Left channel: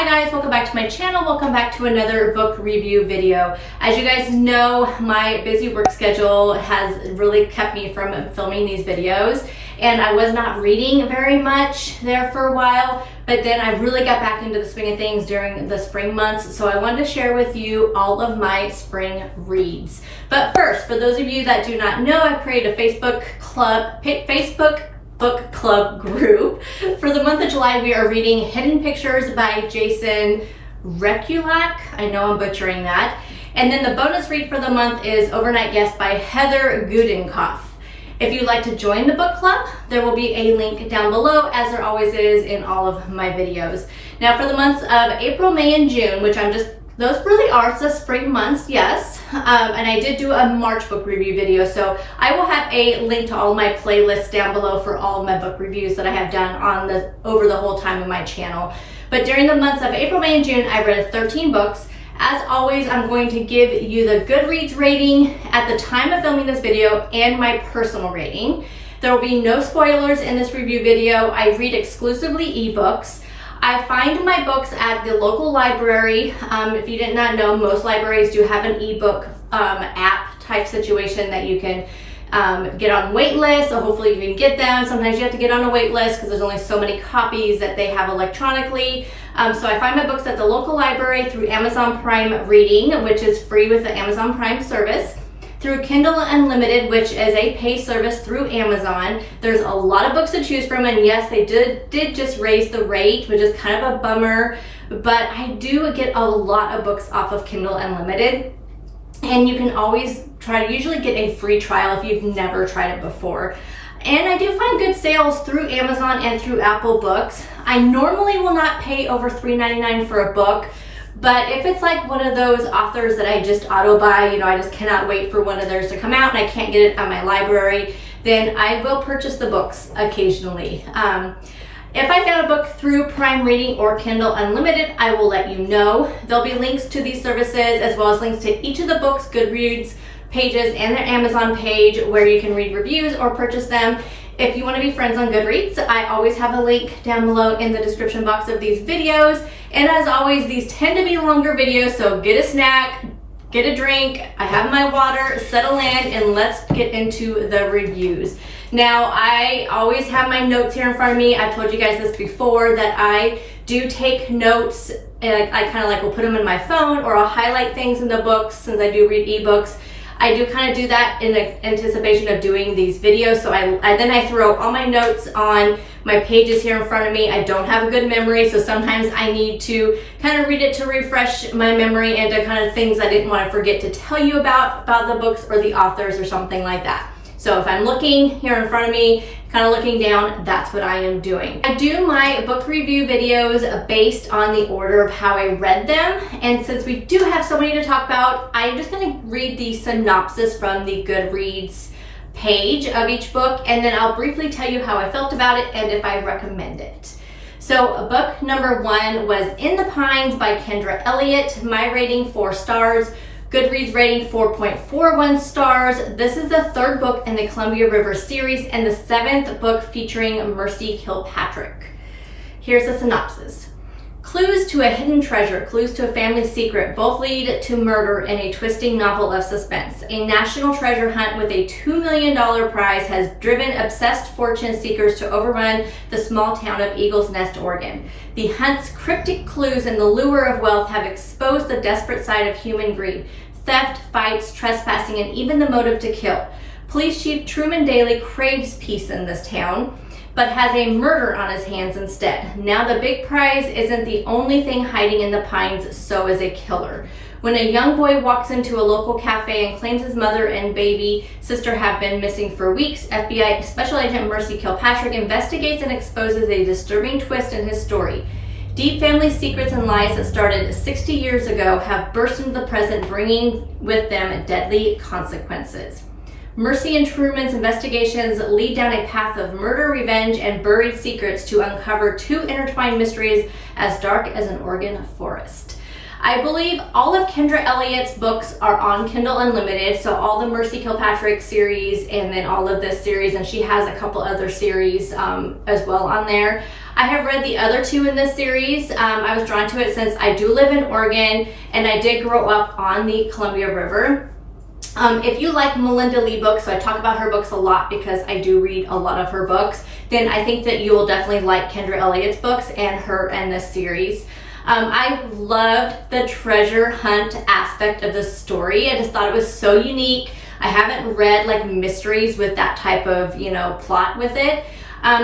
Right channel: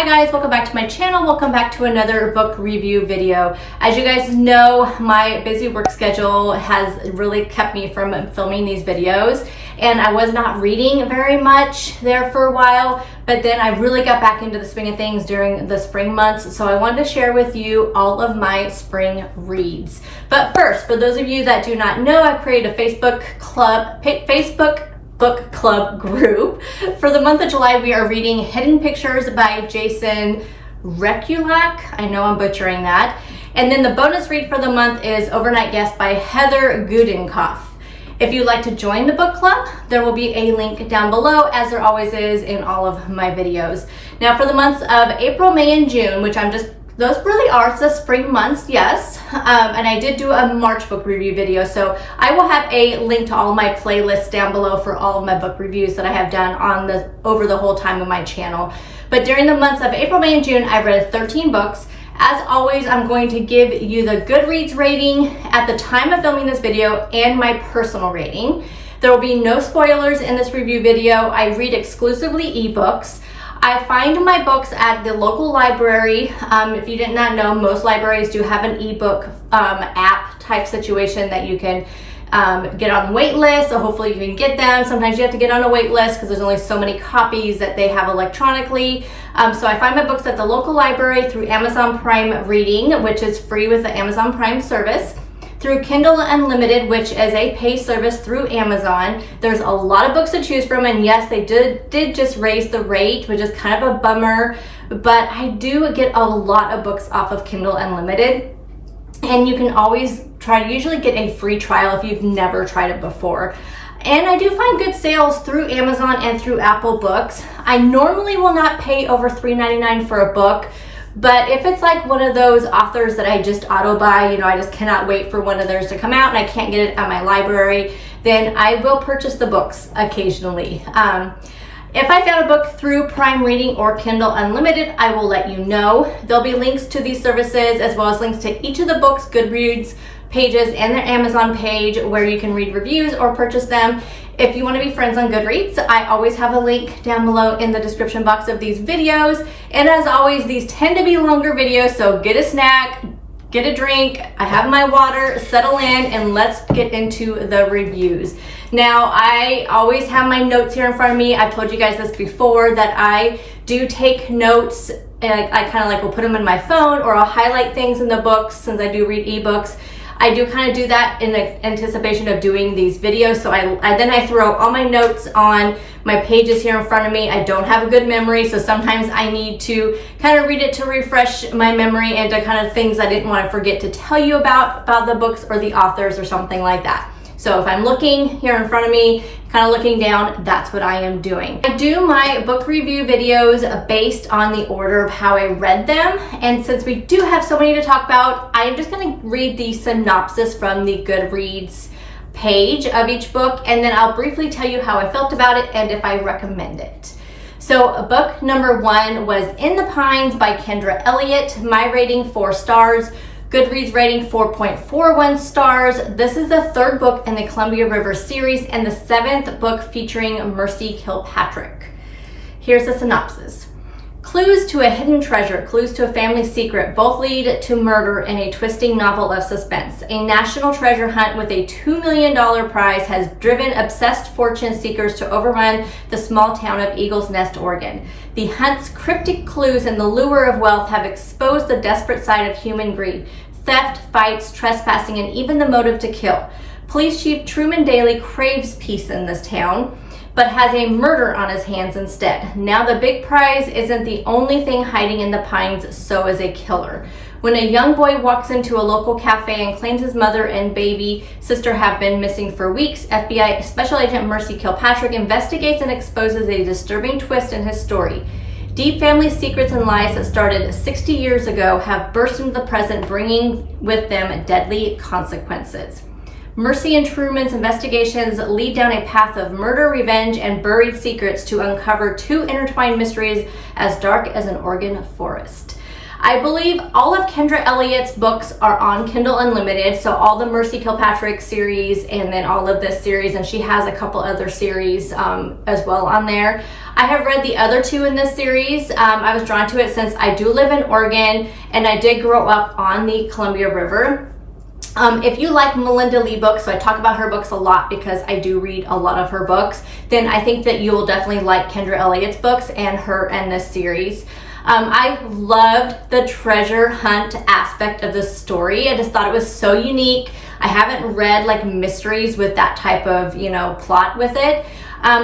Hi guys, welcome back to my channel. Welcome back to another book review video. As you guys know, my busy work schedule has really kept me from filming these videos, and I was not reading very much there for a while, but then I really got back into the swing of things during the spring months, so I wanted to share with you all of my spring reads. But first, for those of you that do not know, I created a Facebook book club group. For the month of July, we are reading Hidden Pictures by Jason Rekulak. I know I'm butchering that. And then the bonus read for the month is Overnight Guest by Heather Gudenkoff. If you'd like to join the book club, there will be a link down below, as there always is in all of my videos. Now for the months of April, May, and June, which those really are the spring months, yes. And I did do a March book review video, so I will have a link to all my playlists down below for all of my book reviews that I have done over the whole time of my channel. But during the months of April, May, and June, I read 13 books. As always, I'm going to give you the Goodreads rating at the time of filming this video and my personal rating. There will be no spoilers in this review video. I read exclusively ebooks. I find my books at the local library. If you did not know, most libraries do have an ebook app type situation that you can get on wait list, so hopefully you can get them. Sometimes you have to get on a wait list because there's only so many copies that they have electronically. So I find my books at the local library through Amazon Prime Reading, which is free with the Amazon Prime service, through Kindle Unlimited, which is a paid service through Amazon. There's a lot of books to choose from, and yes, they did just raise the rate, which is kind of a bummer, but I do get a lot of books off of Kindle Unlimited, and you can always usually get a free trial if you've never tried it before. And I do find good sales through Amazon and through Apple Books. I normally will not pay over $3.99 for a book, but if it's like one of those authors that I just auto buy, I just cannot wait for one of theirs to come out and I can't get it at my library, then I will purchase the books occasionally. If I found a book through Prime Reading or Kindle Unlimited, I will let you know. There'll be links to these services as well as links to each of the books' Goodreads pages and their Amazon page where you can read reviews or purchase them. If you want to be friends on Goodreads, I always have a link down below in the description box of these videos. And as always, these tend to be longer videos, so get a snack, get a drink, I have my water, settle in, and let's get into the reviews. Now, I always have my notes here in front of me. I've told you guys this before, that I do take notes, and I kind of will put them in my phone, or I'll highlight things in the books since I do read ebooks. I do kind of do that in the anticipation of doing these videos. So then I throw all my notes on my pages here in front of me. I don't have a good memory, so sometimes I need to kind of read it to refresh my memory and to kind of things I didn't want to forget to tell you about the books or the authors or something like that. So if I'm looking here in front of me, kind of looking down, that's what I am doing. I do my book review videos based on the order of how I read them. And since we do have so many to talk about, I'm just gonna read the synopsis from the Goodreads page of each book, and then I'll briefly tell you how I felt about it and if I recommend it. So book number 1 was In the Pines by Kendra Elliott. My rating 4 stars. Goodreads rating 4.41 stars. This is the 3rd book in the Columbia River series and the 7th book featuring Mercy Kilpatrick. Here's the synopsis. Clues to a hidden treasure, clues to a family secret, both lead to murder in a twisting novel of suspense. A national treasure hunt with a $2 million prize has driven obsessed fortune seekers to overrun the small town of Eagles Nest, Oregon. The hunt's cryptic clues and the lure of wealth have exposed the desperate side of human greed, theft, fights, trespassing, and even the motive to kill. Police Chief Truman Daly craves peace in this town, but has a murder on his hands instead. Now the big prize isn't the only thing hiding in the pines, so is a killer. When a young boy walks into a local cafe and claims his mother and baby sister have been missing for weeks, FBI Special Agent Mercy Kilpatrick investigates and exposes a disturbing twist in his story. Deep family secrets and lies that started 60 years ago have burst into the present, bringing with them deadly consequences. Mercy and Truman's investigations lead down a path of murder, revenge, and buried secrets to uncover 2 intertwined mysteries as dark as an Oregon forest. I believe all of Kendra Elliott's books are on Kindle Unlimited, so all the Mercy Kilpatrick series and then all of this series, and she has a couple other series as well on there. I have read the other two in this series. I was drawn to it since I do live in Oregon and I did grow up on the Columbia River. If you like Melinda Lee books, so I talk about her books a lot because I do read a lot of her books, then I think that you will definitely like Kendra Elliott's books and her and this series. I loved the treasure hunt aspect of the story. I just thought it was so unique. I haven't read like mysteries with that type of, plot with it.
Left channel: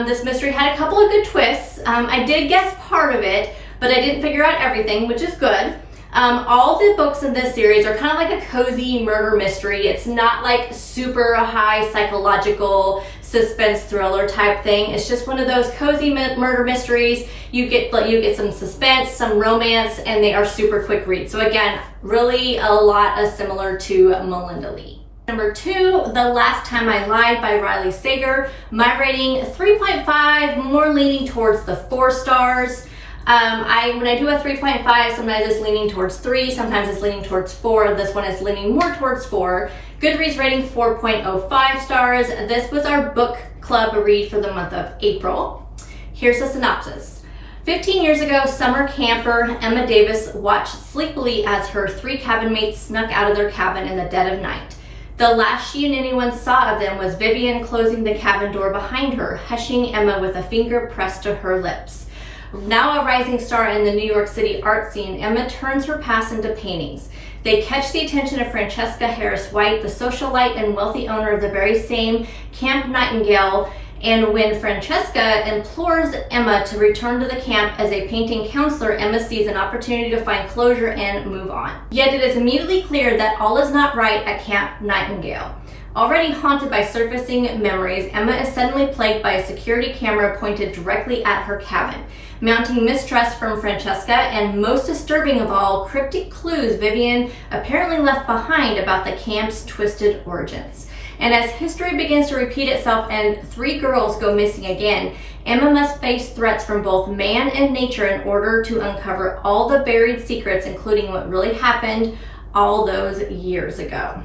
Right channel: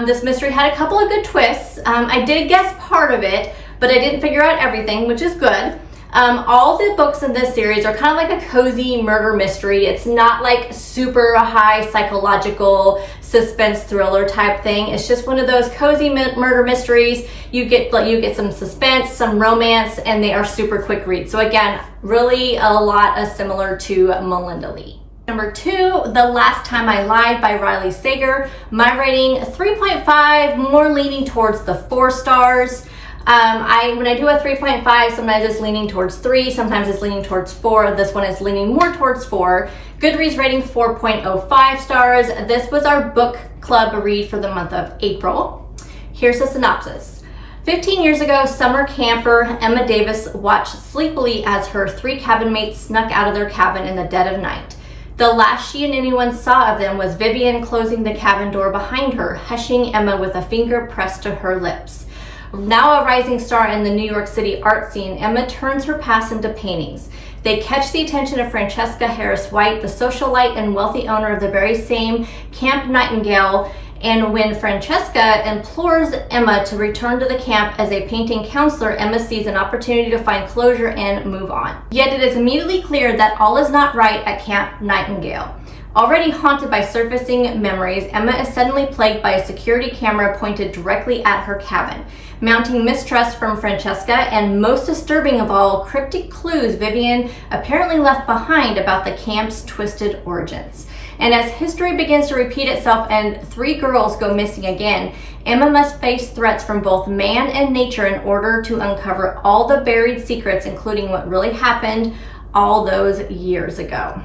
This mystery had a couple of good twists. I did guess part of it, but I didn't figure out everything, which is good. All the books in this series are kind of like a cozy murder mystery. It's not like super high psychological suspense thriller type thing. It's just one of those cozy murder mysteries. You get some suspense, some romance, and they are super quick reads. So again, really a lot of similar to Melinda Lee. Number 2, The Last Time I Lied by Riley Sager. My rating 3.5, more leaning towards the 4 stars. When I do a 3.5, sometimes it's leaning towards 3, sometimes it's leaning towards 4. This one is leaning more towards 4. Goodreads rating 4.05 stars. This was our book club read for the month of April. Here's the synopsis. 15 years ago, summer camper Emma Davis watched sleepily as her 3 cabin mates snuck out of their cabin in the dead of night. The last she and anyone saw of them was Vivian closing the cabin door behind her, hushing Emma with a finger pressed to her lips. Now a rising star in the New York City art scene, Emma turns her past into paintings. They catch the attention of Francesca Harris White, the socialite and wealthy owner of the very same Camp Nightingale, and when Francesca implores Emma to return to the camp as a painting counselor, Emma sees an opportunity to find closure and move on. Yet it is immediately clear that all is not right at Camp Nightingale. Already haunted by surfacing memories, Emma is suddenly plagued by a security camera pointed directly at her cabin, mounting mistrust from Francesca, and most disturbing of all, cryptic clues Vivian apparently left behind about the camp's twisted origins. And as history begins to repeat itself and 3 girls go missing again, Emma must face threats from both man and nature in order to uncover all the buried secrets, including what really happened all those years ago.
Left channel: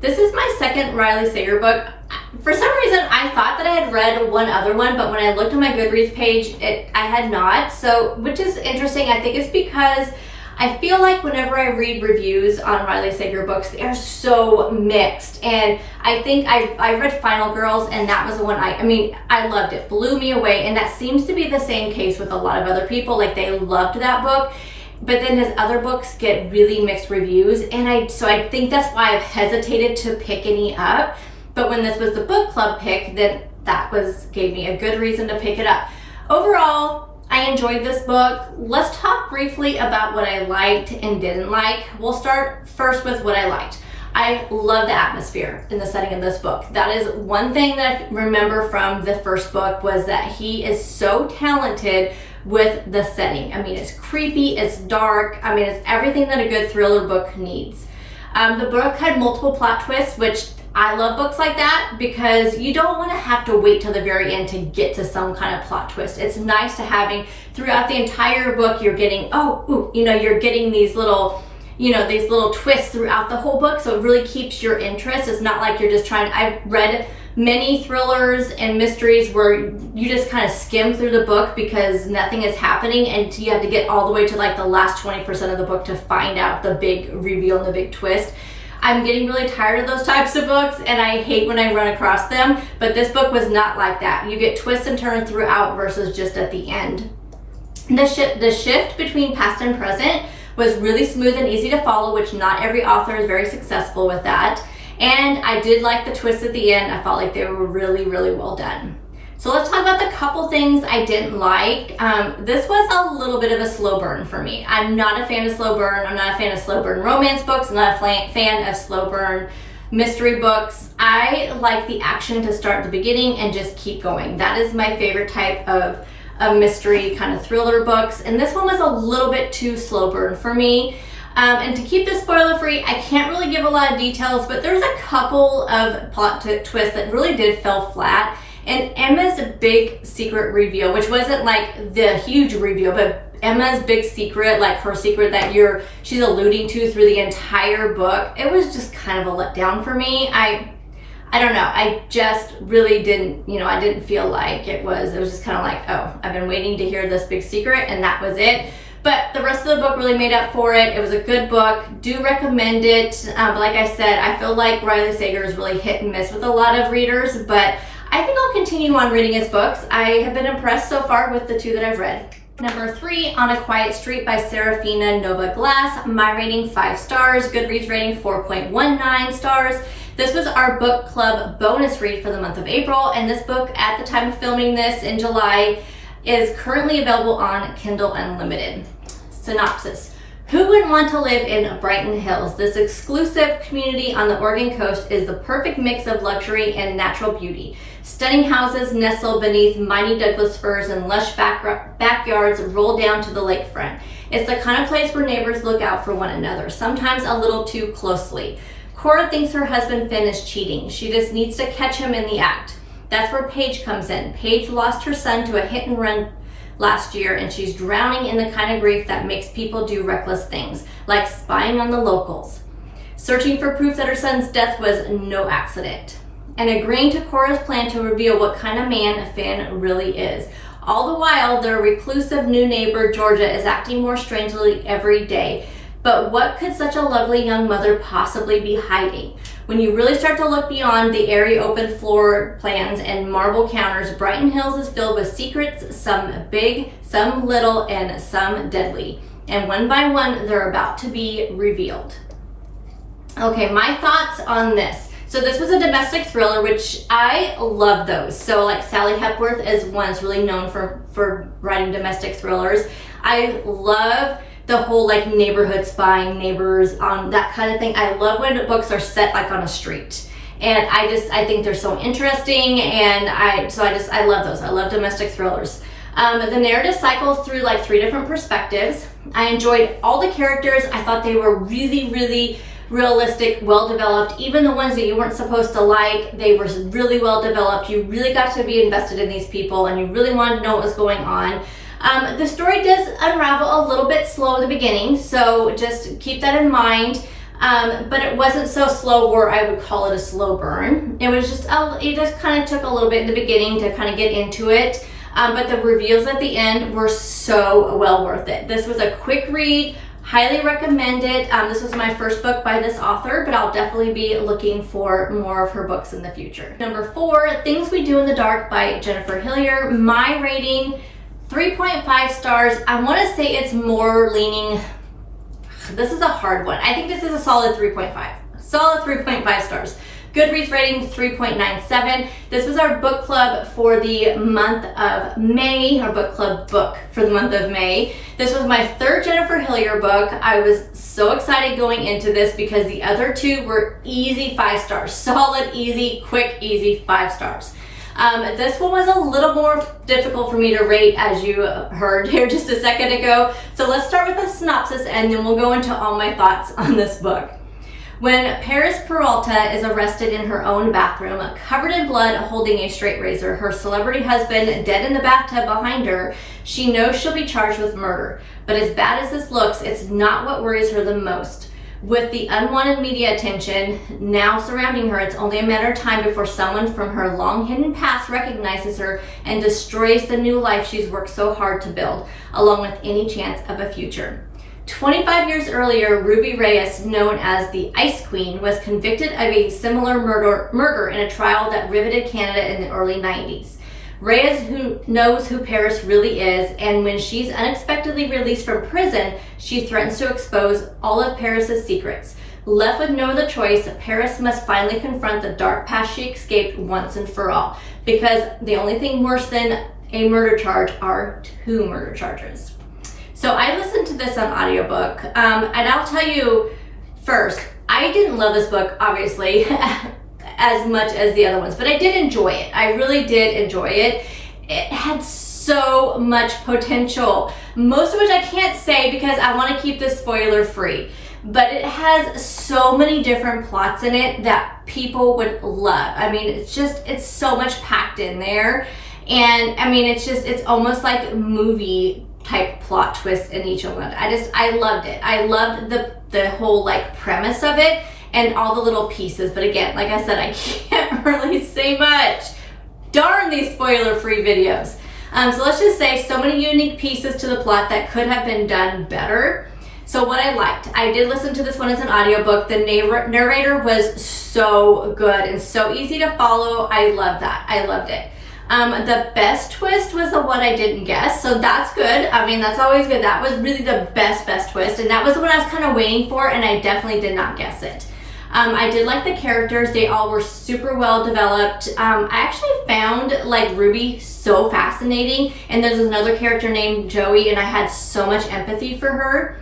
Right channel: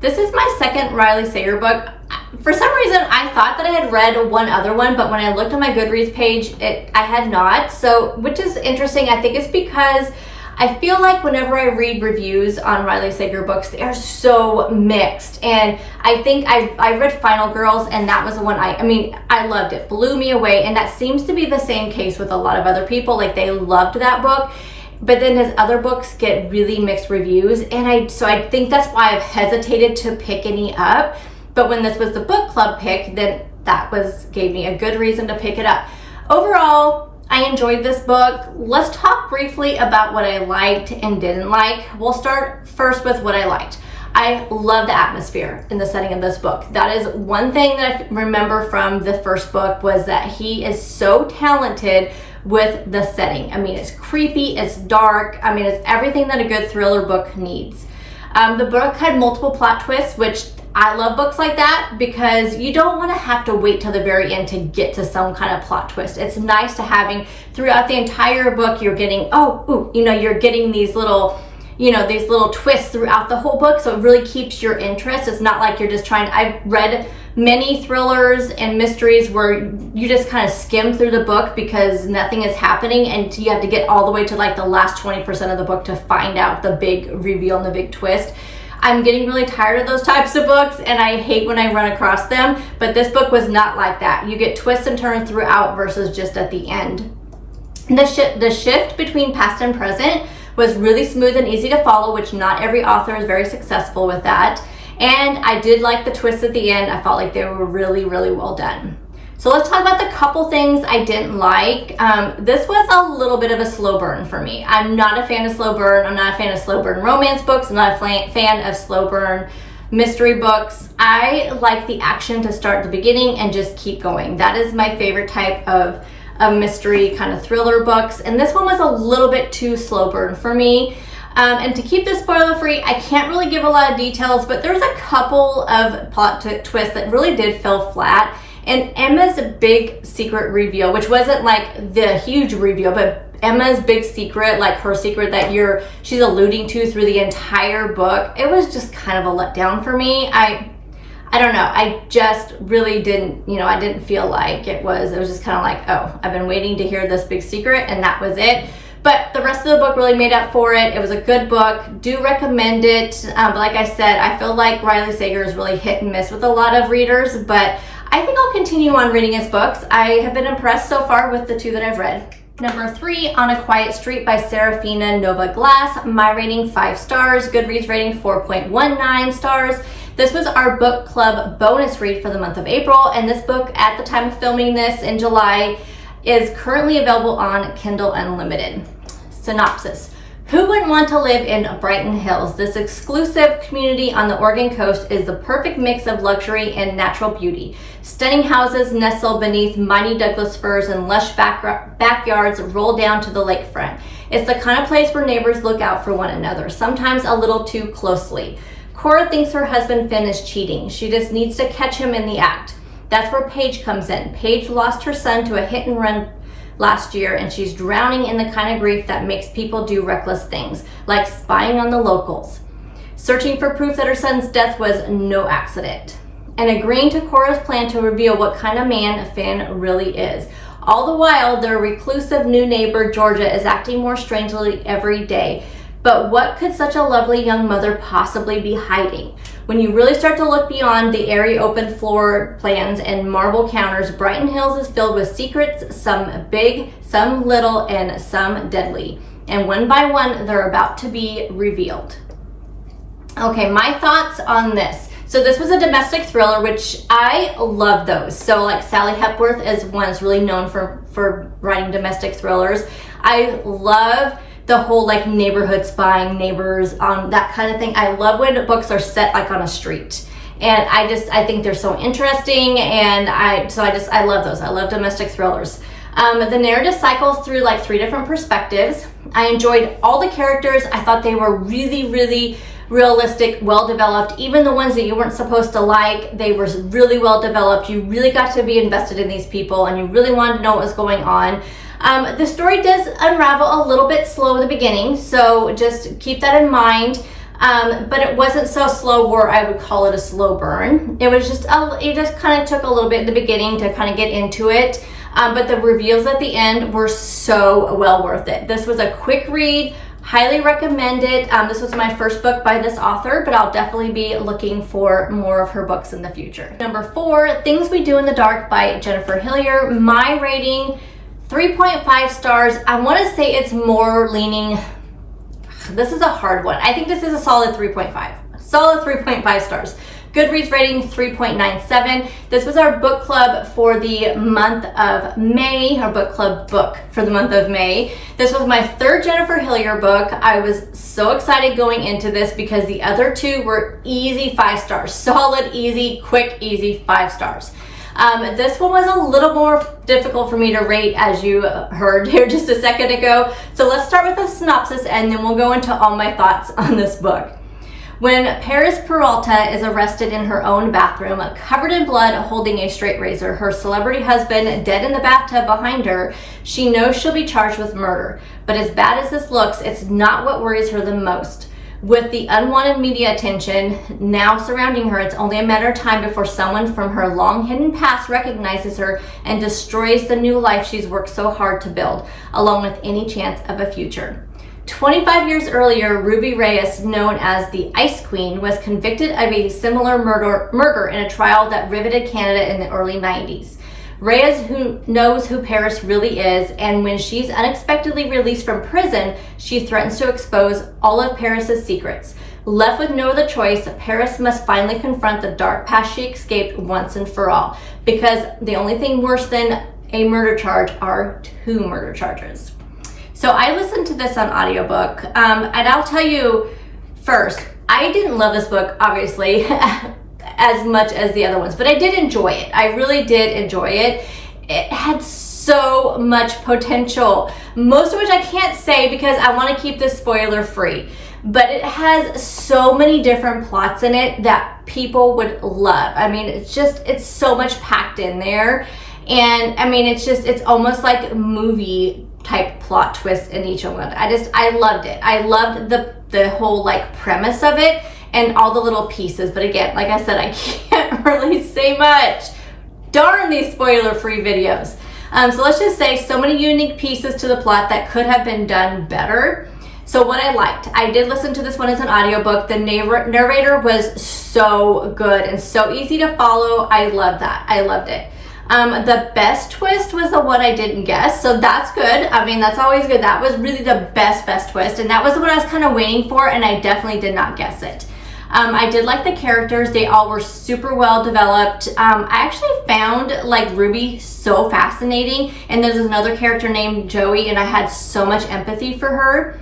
This is my second Riley Sager book. For some reason, I thought that I had read one other one, but when I looked on my Goodreads page, I had not. So, which is interesting. I think it's because I feel like whenever I read reviews on Riley Sager books, they are so mixed. And I think I read Final Girls, and that was the one I loved it, blew me away. And that seems to be the same case with a lot of other people. Like, they loved that book. But then his other books get really mixed reviews, and I think that's why I've hesitated to pick any up. But when this was the book club pick, then that gave me a good reason to pick it up. Overall, I enjoyed this book. Let's talk briefly about what I liked and didn't like. We'll start first with what I liked. I love the atmosphere in the setting of this book. That is one thing that I remember from the first book, was that he is so talented with the setting. I mean, it's creepy, it's dark. I mean, it's everything that a good thriller book needs. The book had multiple plot twists, which I love books like that, because you don't want to have to wait till the very end to get to some kind of plot twist. It's nice to having throughout the entire book, you're getting, you're getting these little twists throughout the whole book. So it really keeps your interest. It's not like you're just I've read many thrillers and mysteries where you just kind of skim through the book because nothing is happening, and you have to get all the way to like the last 20% of the book to find out the big reveal and the big twist. I'm getting really tired of those types of books, and I hate when I run across them, but this book was not like that. You get twists and turns throughout versus just at the end. The shift between past and present was really smooth and easy to follow, which not every author is very successful with that. And I did like the twists at the end. I felt like they were really, really well done. So let's talk about the couple things I didn't like. This was a little bit of a slow burn for me. I'm not a fan of slow burn. I'm not a fan of slow burn romance books. I'm not a fan of slow burn mystery books. I like the action to start at the beginning and just keep going. That is my favorite type of mystery kind of thriller books. And this one was a little bit too slow burn for me. And to keep this spoiler free, I can't really give a lot of details, but there's a couple of plot twists that really did fell flat. And Emma's big secret reveal, which wasn't like the huge reveal, but Emma's big secret, like her secret that she's alluding to through the entire book, it was just kind of a letdown for me. I don't know, I just really didn't, I didn't feel like it was just kind of like, oh, I've been waiting to hear this big secret, and that was it. But the rest of the book really made up for it. It was a good book. Do recommend it. But like I said, I feel like Riley Sager is really hit and miss with a lot of readers, but I think I'll continue on reading his books. I have been impressed so far with the 2 that I've read. Number 3, On a Quiet Street by Serafina Nova Glass. My rating 5 stars. Goodreads rating 4.19 stars. This was our book club bonus read for the month of April, and this book at the time of filming this in July is currently available on Kindle Unlimited. Synopsis. Who wouldn't want to live in Brighton Hills? This exclusive community on the Oregon coast is the perfect mix of luxury and natural beauty. Stunning houses nestle beneath mighty Douglas firs and lush backyards roll down to the lakefront. It's the kind of place where neighbors look out for one another, sometimes a little too closely. Cora thinks her husband Finn is cheating. She just needs to catch him in the act. That's where Paige comes in. Paige lost her son to a hit and run last year, and she's drowning in the kind of grief that makes people do reckless things, like spying on the locals, searching for proof that her son's death was no accident, and agreeing to Cora's plan to reveal what kind of man Finn really is. All the while, their reclusive new neighbor, Georgia, is acting more strangely every day. But what could such a lovely young mother possibly be hiding? When you really start to look beyond the airy open floor plans and marble counters, Brighton Hills is filled with secrets, some big, some little, and some deadly. And one by one, they're about to be revealed. Okay, my thoughts on this. So this was a domestic thriller, which I love those. So like Sally Hepworth is one that's really known for writing domestic thrillers. I love the whole like neighborhood spying, neighbors, that kind of thing. I love when books are set like on a street, and I think they're so interesting, and I love those. I love domestic thrillers. The narrative cycles through like 3 different perspectives. I enjoyed all the characters. I thought they were really, really realistic, well developed. Even the ones that you weren't supposed to like, they were really well developed. You really got to be invested in these people, and you really wanted to know what was going on. The story does unravel a little bit slow at the beginning, so just keep that in mind. But it wasn't so slow where I would call it a slow burn. It was just, it just kind of took a little bit in the beginning to kind of get into it. But the reveals at the end were so well worth it. This was a quick read, highly recommend it. This was my first book by this author, but I'll definitely be looking for more of her books in the future. Number 4, Things We Do in the Dark by Jennifer Hillier. My rating, 3.5 stars. I want to say it's more leaning, this is a hard one. I think this is a solid 3.5. Solid 3.5 stars. Goodreads rating 3.97. This was our book club for the month of May, our book club book for the month of May. This was my 3rd Jennifer Hillier book. I was so excited going into this because the other 2 were easy 5 stars. Solid, easy, quick, easy 5 stars. This one was a little more difficult for me to rate, as you heard here just a second ago. So let's start with a synopsis, and then we'll go into all my thoughts on this book. When Paris Peralta is arrested in her own bathroom, covered in blood, holding a straight razor, her celebrity husband dead in the bathtub behind her, she knows she'll be charged with murder. But as bad as this looks, it's not what worries her the most. With the unwanted media attention now surrounding her, it's only a matter of time before someone from her long hidden past recognizes her and destroys the new life she's worked so hard to build, along with any chance of a future. 25 years earlier, Ruby Reyes, known as the Ice Queen, was convicted of a similar murder in a trial that riveted Canada in the early 90s. Reyes who knows who Paris really is, and when she's unexpectedly released from prison, she threatens to expose all of Paris's secrets. Left with no other choice, Paris must finally confront the dark past she escaped once and for all, because the only thing worse than a murder charge are 2 murder charges. So I listened to this on audiobook, and I'll tell you first, I didn't love this book, obviously, as much as the other ones, but I did enjoy it. I really did enjoy it. It had so much potential, most of which I can't say because I want to keep this spoiler free, but it has so many different plots in it that people would love. I mean, it's so much packed in there. And I mean, it's almost like movie type plot twist in each one. I loved it. I loved the whole like premise of it and all the little pieces. But again, like I said, I can't really say much. Darn these spoiler-free videos. So let's just say so many unique pieces to the plot that could have been done better. So what I liked, I did listen to this one as an audiobook. The narrator was so good and so easy to follow. I loved that. I loved it. The best twist was the one I didn't guess, so that's good. I mean, that's always good. That was really the best twist, and that was the one I was kind of waiting for, and I definitely did not guess it. I did like the characters. They all were super well developed. I actually found like Ruby so fascinating, and there's another character named Joey, and I had so much empathy for her.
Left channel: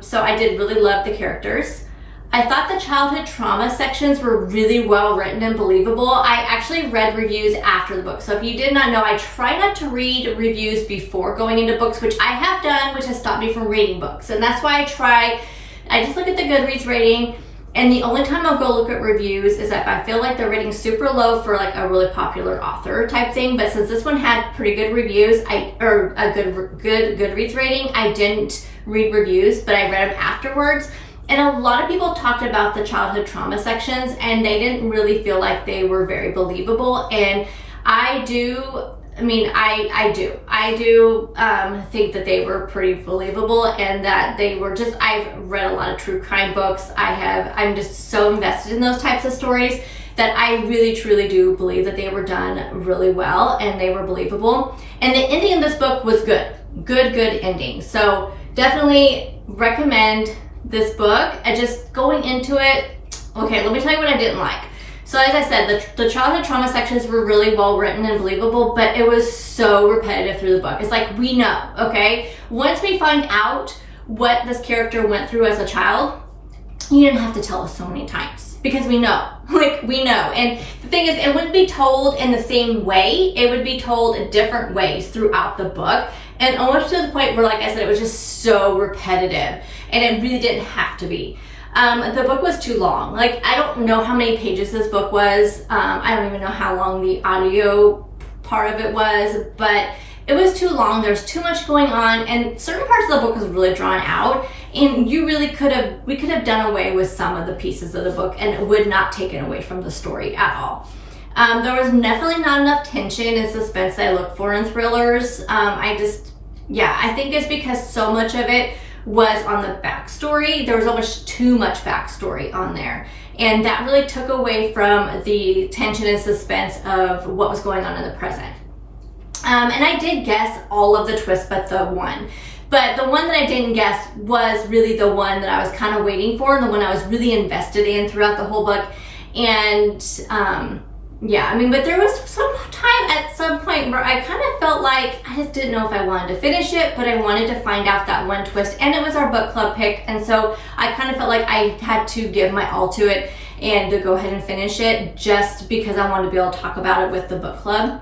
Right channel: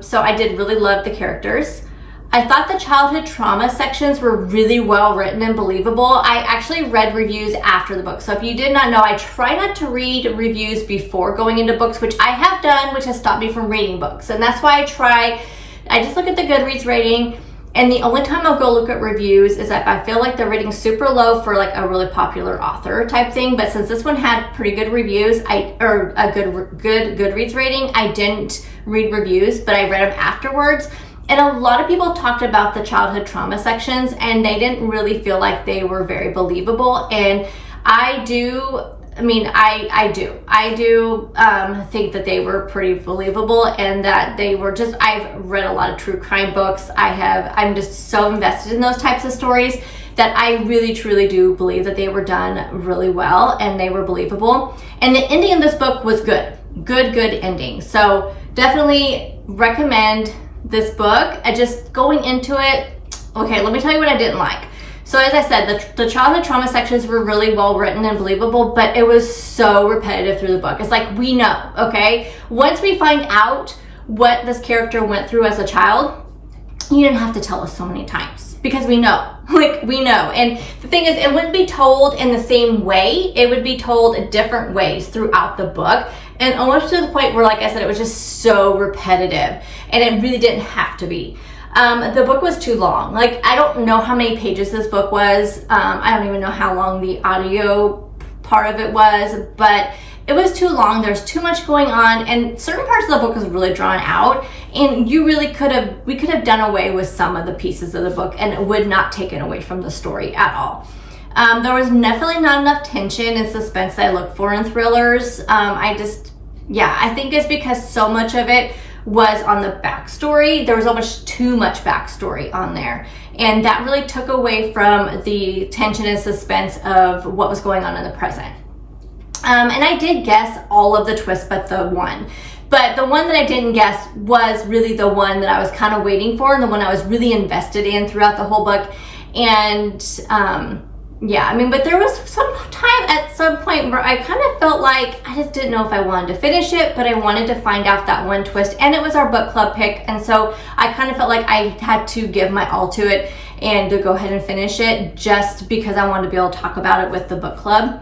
So I did really love the characters. I thought the childhood trauma sections were really well written and believable. I actually read reviews after the book. So if you did not know, I try not to read reviews before going into books, which I have done, which has stopped me from reading books. And that's why I just look at the Goodreads rating. And the only time I'll go look at reviews is if I feel like they're rating super low for like a really popular author type thing. But since this one had pretty good reviews, or a good Goodreads rating, I didn't read reviews, but I read them afterwards. And a lot of people talked about the childhood trauma sections, and they didn't really feel like they were very believable. And I do think that they were pretty believable, and that they were just, I've read a lot of true crime books. I'm just so invested in those types of stories that I really truly do believe that they were done really well and they were believable. And the ending of this book was good ending. So definitely recommend this book. And just going into it, okay, let me tell you what I didn't like. So as I said, the childhood trauma sections were really well written and believable, but it was so repetitive through the book. It's like, we know, okay? Once we find out what this character went through as a child, you didn't have to tell us so many times, because we know, like, we know. And the thing is, it wouldn't be told in the same way. It would be told in different ways throughout the book. And almost to the point where, like I said, it was just so repetitive, and it really didn't have to be. The book was too long. Like, I don't know how many pages this book was. I don't even know how long the audio part of it was, but it was too long. There's too much going on, and certain parts of the book was really drawn out, and we could have done away with some of the pieces of the book, and it would not take it away from the story at all. There was definitely not enough tension and suspense that I look for in thrillers. I think it's because so much of it was on the backstory. There was almost too much backstory on there, and that really took away from the tension and suspense of what was going on in the present. And I did guess all of the twists but the one. But the one that I didn't guess was really the one that I was kind of waiting for, and the one I was really invested in throughout the whole book. And but there was some point where I kind of felt like I just didn't know if I wanted to finish it, but I wanted to find out that one twist, and it was our book club pick, and so I kind of felt like I had to give my all to it and to go ahead and finish it, just because I wanted to be able to talk about it with the book club.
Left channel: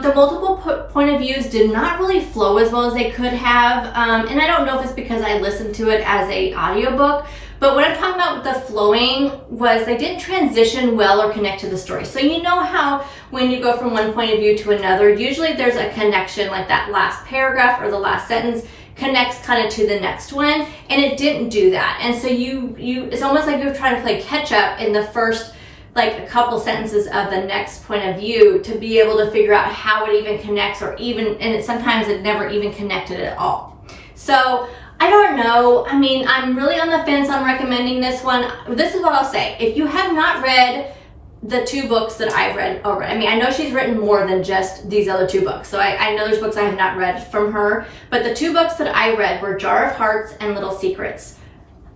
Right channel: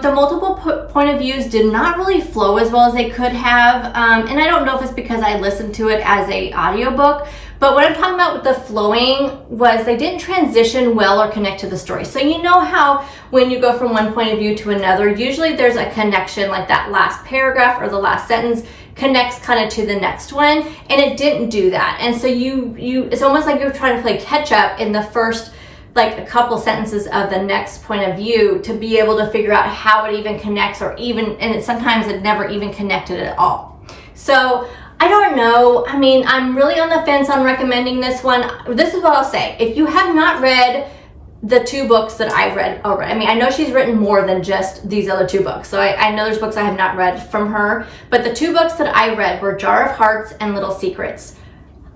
The multiple point of views did not really flow as well as they could have, and I don't know if it's because I listened to it as a audiobook, but what I'm talking about with the flowing was they didn't transition well or connect to the story. So you know how when you go from one point of view to another, usually there's a connection, like that last paragraph or the last sentence connects kind of to the next one, and it didn't do that. And so it's almost like you're trying to play catch up in the first like a couple sentences of the next point of view to be able to figure out how it even connects, sometimes it never even connected at all. So I don't know. I mean, I'm really on the fence on recommending this one. This is what I'll say. If you have not read the two books that I've read already, I mean, I know she's written more than just these other two books. So I know there's books I have not read from her, but the two books that I read were Jar of Hearts and Little Secrets.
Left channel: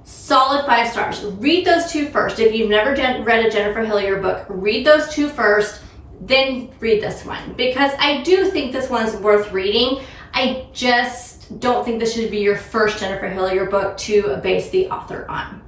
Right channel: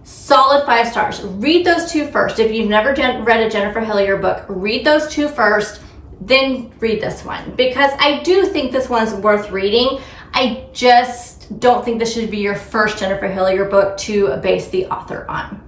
Solid 5 stars. Read those two first. If you've never read a Jennifer Hillier book, read those two first, then read this one, because I do think this one's worth reading. I just don't think this should be your first Jennifer Hillier book to base the author on.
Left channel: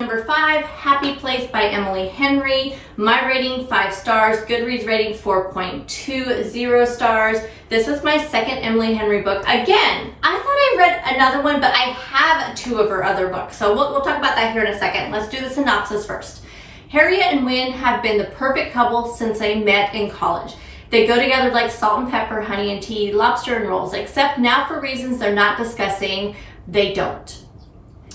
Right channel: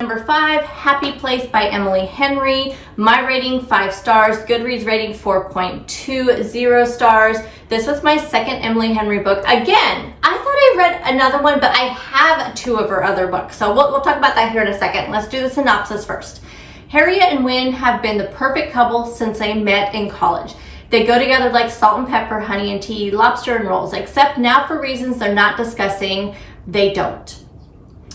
Number 5, Happy Place by Emily Henry. My rating 5 stars, Goodreads rating 4.20 stars. This was my second Emily Henry book. Again, I thought I read another one, but I have 2 of her other books. So we'll talk about that here in a second. Let's do the synopsis first. Harriet and Wynne have been the perfect couple since they met in college. They go together like salt and pepper, honey and tea, lobster and rolls, except now for reasons they're not discussing, they don't.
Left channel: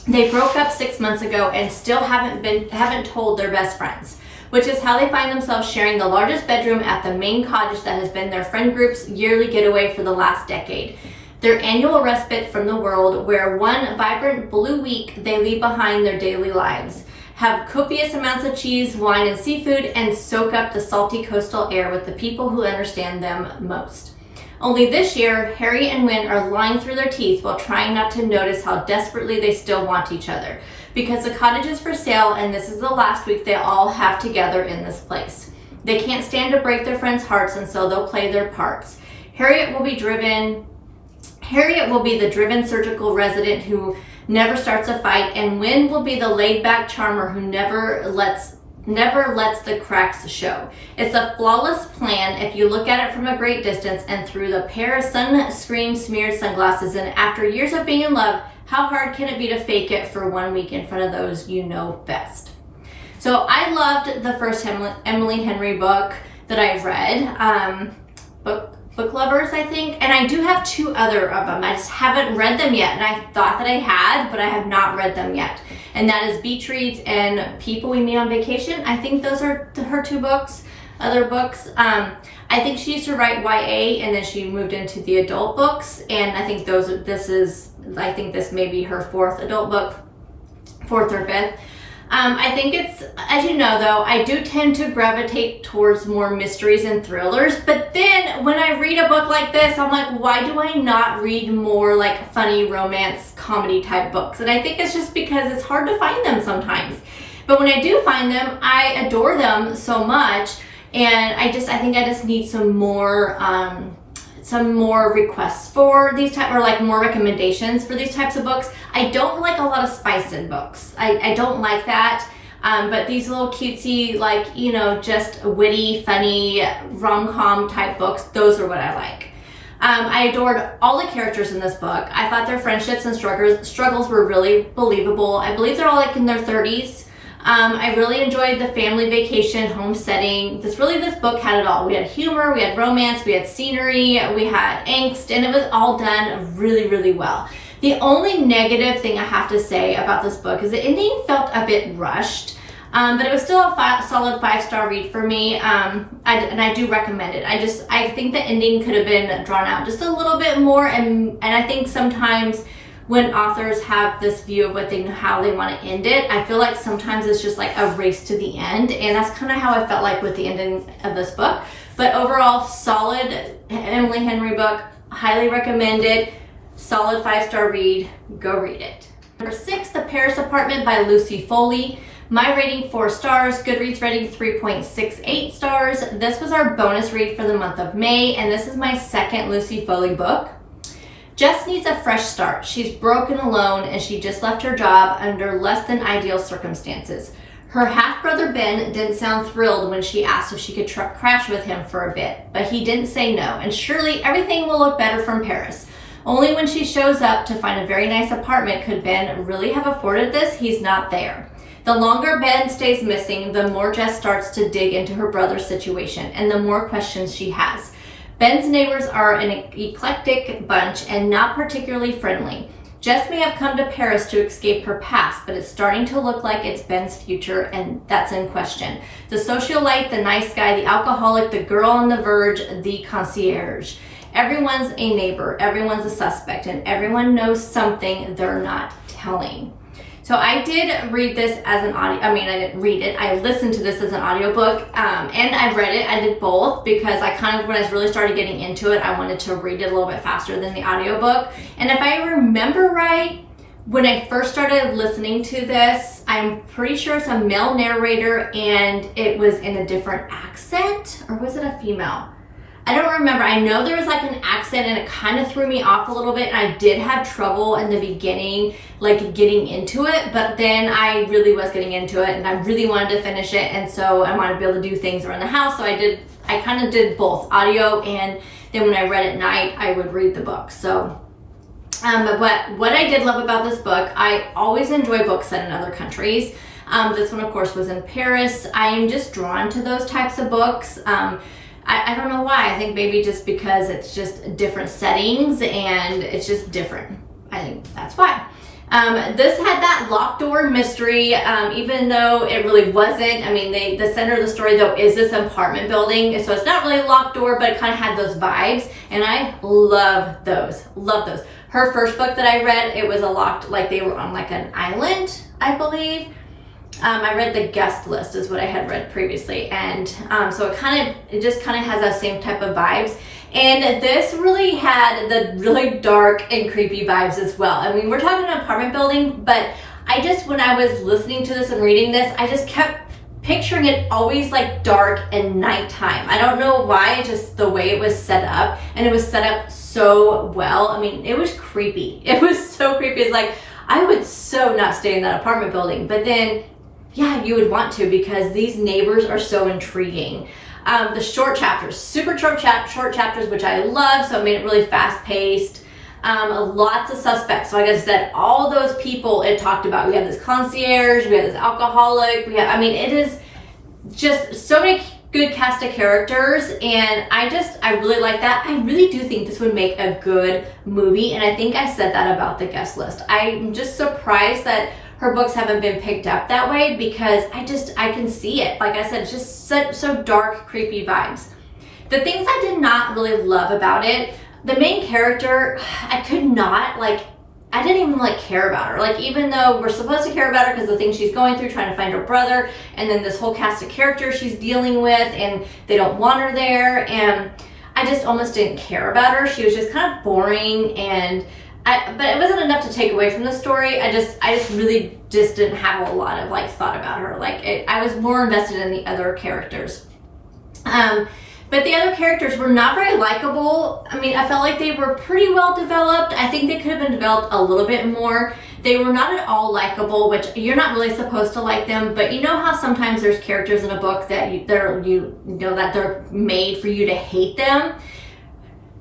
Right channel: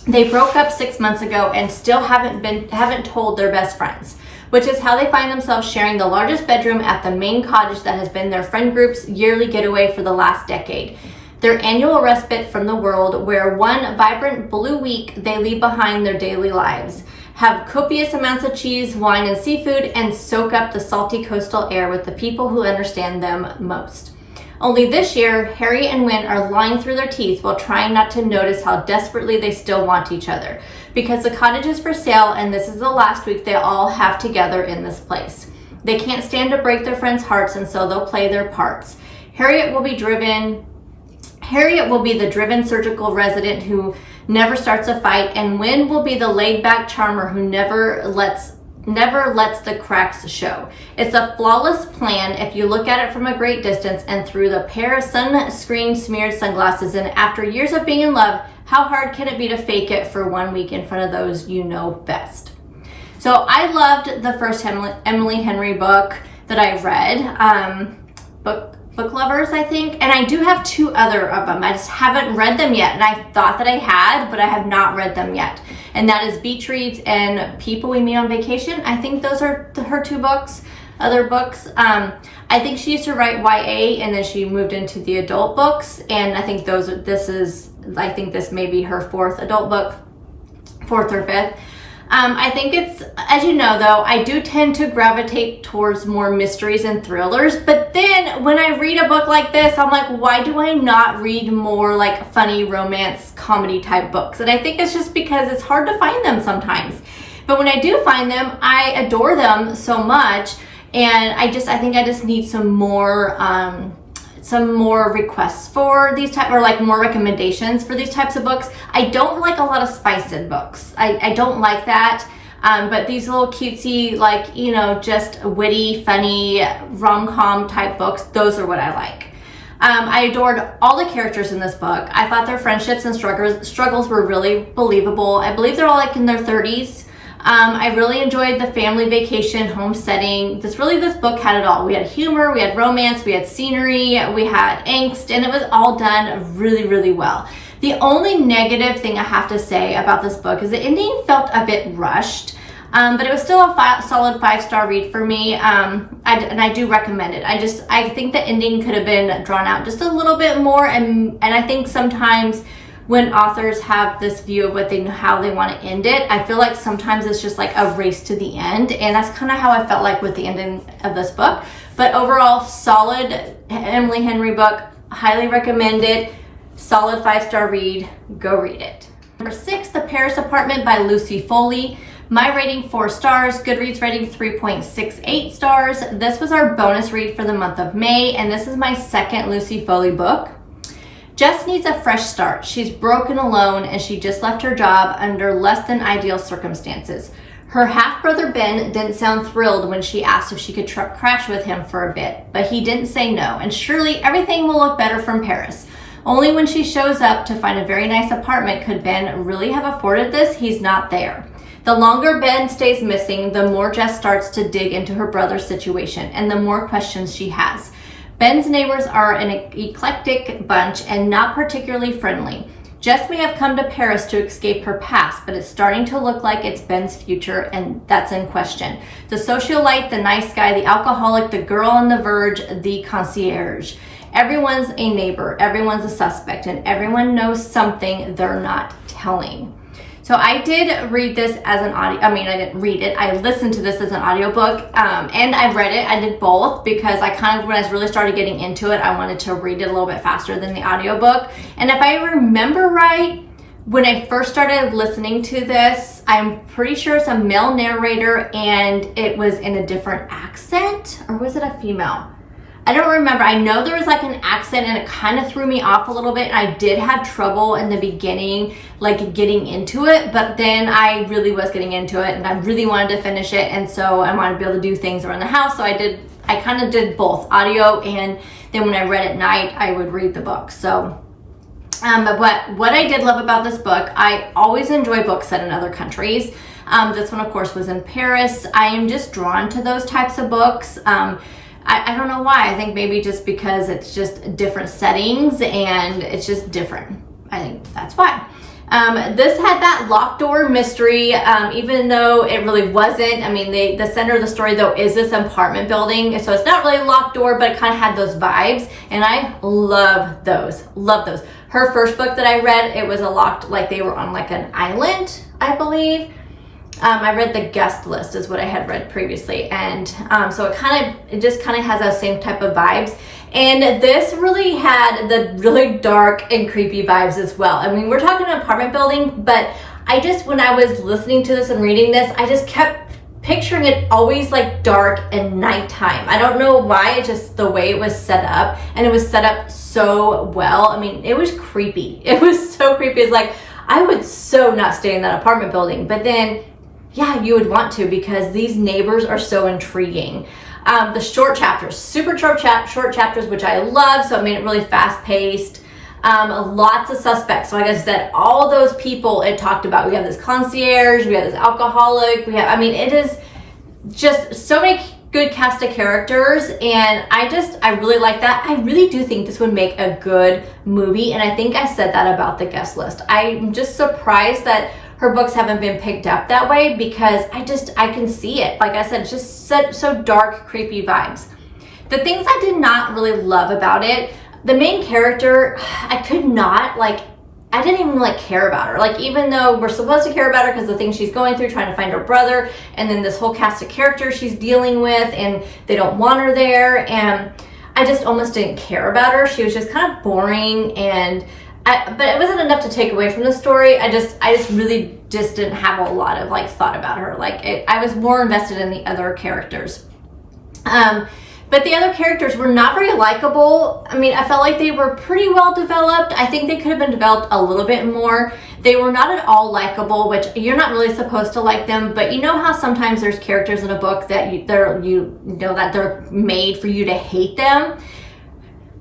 They broke up 6 months ago and still haven't told their best friends, which is how they find themselves sharing the largest bedroom at the main cottage that has been their friend group's yearly getaway for the last decade. Their annual respite from the world, where one vibrant blue week they leave behind their daily lives, have copious amounts of cheese, wine, and seafood, and soak up the salty coastal air with the people who understand them most. Only this year, Harry and Wynn are lying through their teeth while trying not to notice how desperately they still want each other, because the cottage is for sale and this is the last week they all have together in this place. They can't stand to break their friends' hearts, and so they'll play their parts. Harriet will be the driven surgical resident who never starts a fight, and Wynn will be the laid-back charmer who never lets the cracks show. It's a flawless plan if you look at it from a great distance and through the pair of sunscreen smeared sunglasses, and after years of being in love, how hard can it be to fake it for 1 week in front of those you know best? So I loved the first Emily Henry book that I read, Book Lovers, I think, and I do have 2 other of them. I just haven't read them yet, and I thought that I had, but I have not read them yet. And that is Beach Reads and People We Meet on Vacation. I think those are her 2 other books. I think she used to write YA, and then she moved into the adult books, and I think this may be her 4th adult book, 4th or 5th. I think it's, as you know though, I do tend to gravitate towards more mysteries and thrillers, but then when I read a book like this, I'm like, why do I not read more like funny romance comedy type books? And I think it's just because it's hard to find them sometimes. But when I do find them, I adore them so much, and I think I just need some more requests for these type, or like more recommendations for these types of books. I don't like a lot of spice in books. I don't like that. But these little cutesy, like, you know, just witty, funny, rom-com type books, those are what I like. I adored all the characters in this book. I thought their friendships and struggles were really believable. I believe they're all like in their 30s. I really enjoyed the family vacation home setting. This book had it all. We had humor, we had romance, we had scenery, we had angst, and it was all done really, really well. The only negative thing I have to say about this book is the ending felt a bit rushed, but it was still a solid 5-star read for me, and I do recommend it. I think the ending could have been drawn out just a little bit more, and I think sometimes when authors have this view of how they want to end it, I feel like sometimes it's just like a race to the end, and that's kind of how I felt like with the ending of this book. But overall, solid Emily Henry book, highly recommended, solid 5-star read, go read it. Number 6, The Paris Apartment by Lucy Foley. My rating 4 stars, Goodreads rating 3.68 stars. This was our bonus read for the month of May, and this is my second Lucy Foley book. Jess needs a fresh start. She's broken alone, and she just left her job under less than ideal circumstances. Her half-brother Ben didn't sound thrilled when she asked if she could crash with him for a bit, but he didn't say no, and surely everything will look better from Paris. Only when she shows up to find a very nice apartment could Ben really have afforded this. He's not there. The longer Ben stays missing, the more Jess starts to dig into her brother's situation, and the more questions she has. Ben's neighbors are an eclectic bunch and not particularly friendly. Jess may have come to Paris to escape her past, but it's starting to look like it's Ben's future, and that's in question. The socialite, the nice guy, the alcoholic, the girl on the verge, the concierge. Everyone's a neighbor, everyone's a suspect, and everyone knows something they're not telling. So I did read this as an audio, I didn't read it, I listened to this as an audiobook, and I read it. I did both because I when I really started getting into it, I wanted to read it a little bit faster than the audiobook. And if I remember right, when I first started listening to this, I'm pretty sure it's a male narrator and it was in a different accent, or was it a female? I don't remember. I know there was like an accent and it kind of threw me off a little bit. I did have trouble in the beginning, like getting into it, but then I really was getting into it and I really wanted to finish it. And so I wanted to be able to do things around the house. So I kind of did both audio, and then when I read at night, I would read the book. So, but what I did love about this book, I always enjoy books set in other countries. This one of course was in Paris. I am just drawn to those types of books. I don't know why. I think maybe just because it's just different settings and it's just different. I think that's why. This had that locked door mystery, even though it really wasn't. I mean, the center of the story though is this apartment building, so it's not really a locked door, but it kind of had those vibes, and I love those. Love those. Her first book that I read, it was a locked, like they were on like an island, I believe. I read the guest list is what I had read previously, and so it just kind of has that same type of vibes. And this really had the really dark and creepy vibes as well. I mean, we're talking an apartment building, but when I was listening to this and reading this, I just kept picturing it always like dark and nighttime. I don't know why, it's just the way it was set up, and it was set up so well. I mean, it was creepy. It was so creepy. It's like, I would so not stay in that apartment building, but then, yeah, you would want to, because these neighbors are so intriguing. The short chapters, super short chapters, which I love, so it made it really fast paced. Lots of suspects. So like I said, all those people it talked about. We have this concierge, we have this alcoholic, it is just so many good cast of characters, and I really like that. I really do think this would make a good movie, and I think I said that about the guest list. I'm just surprised that her books haven't been picked up that way, because I can see it. Like I said, it's just so dark, creepy vibes. The things I did not really love about it, the main character, I didn't even care about her. Like, even though we're supposed to care about her because the things she's going through, trying to find her brother, and then this whole cast of characters she's dealing with, and they don't want her there, and I just almost didn't care about her. She was just kind of boring, but it wasn't enough to take away from the story. I just really didn't have a lot of thought about her. I was more invested in the other characters. But the other characters were not very likable. I mean, I felt like they were pretty well developed. I think they could have been developed a little bit more. They were not at all likable, which you're not really supposed to like them, but you know how sometimes there's characters in a book that they're made for you to hate them?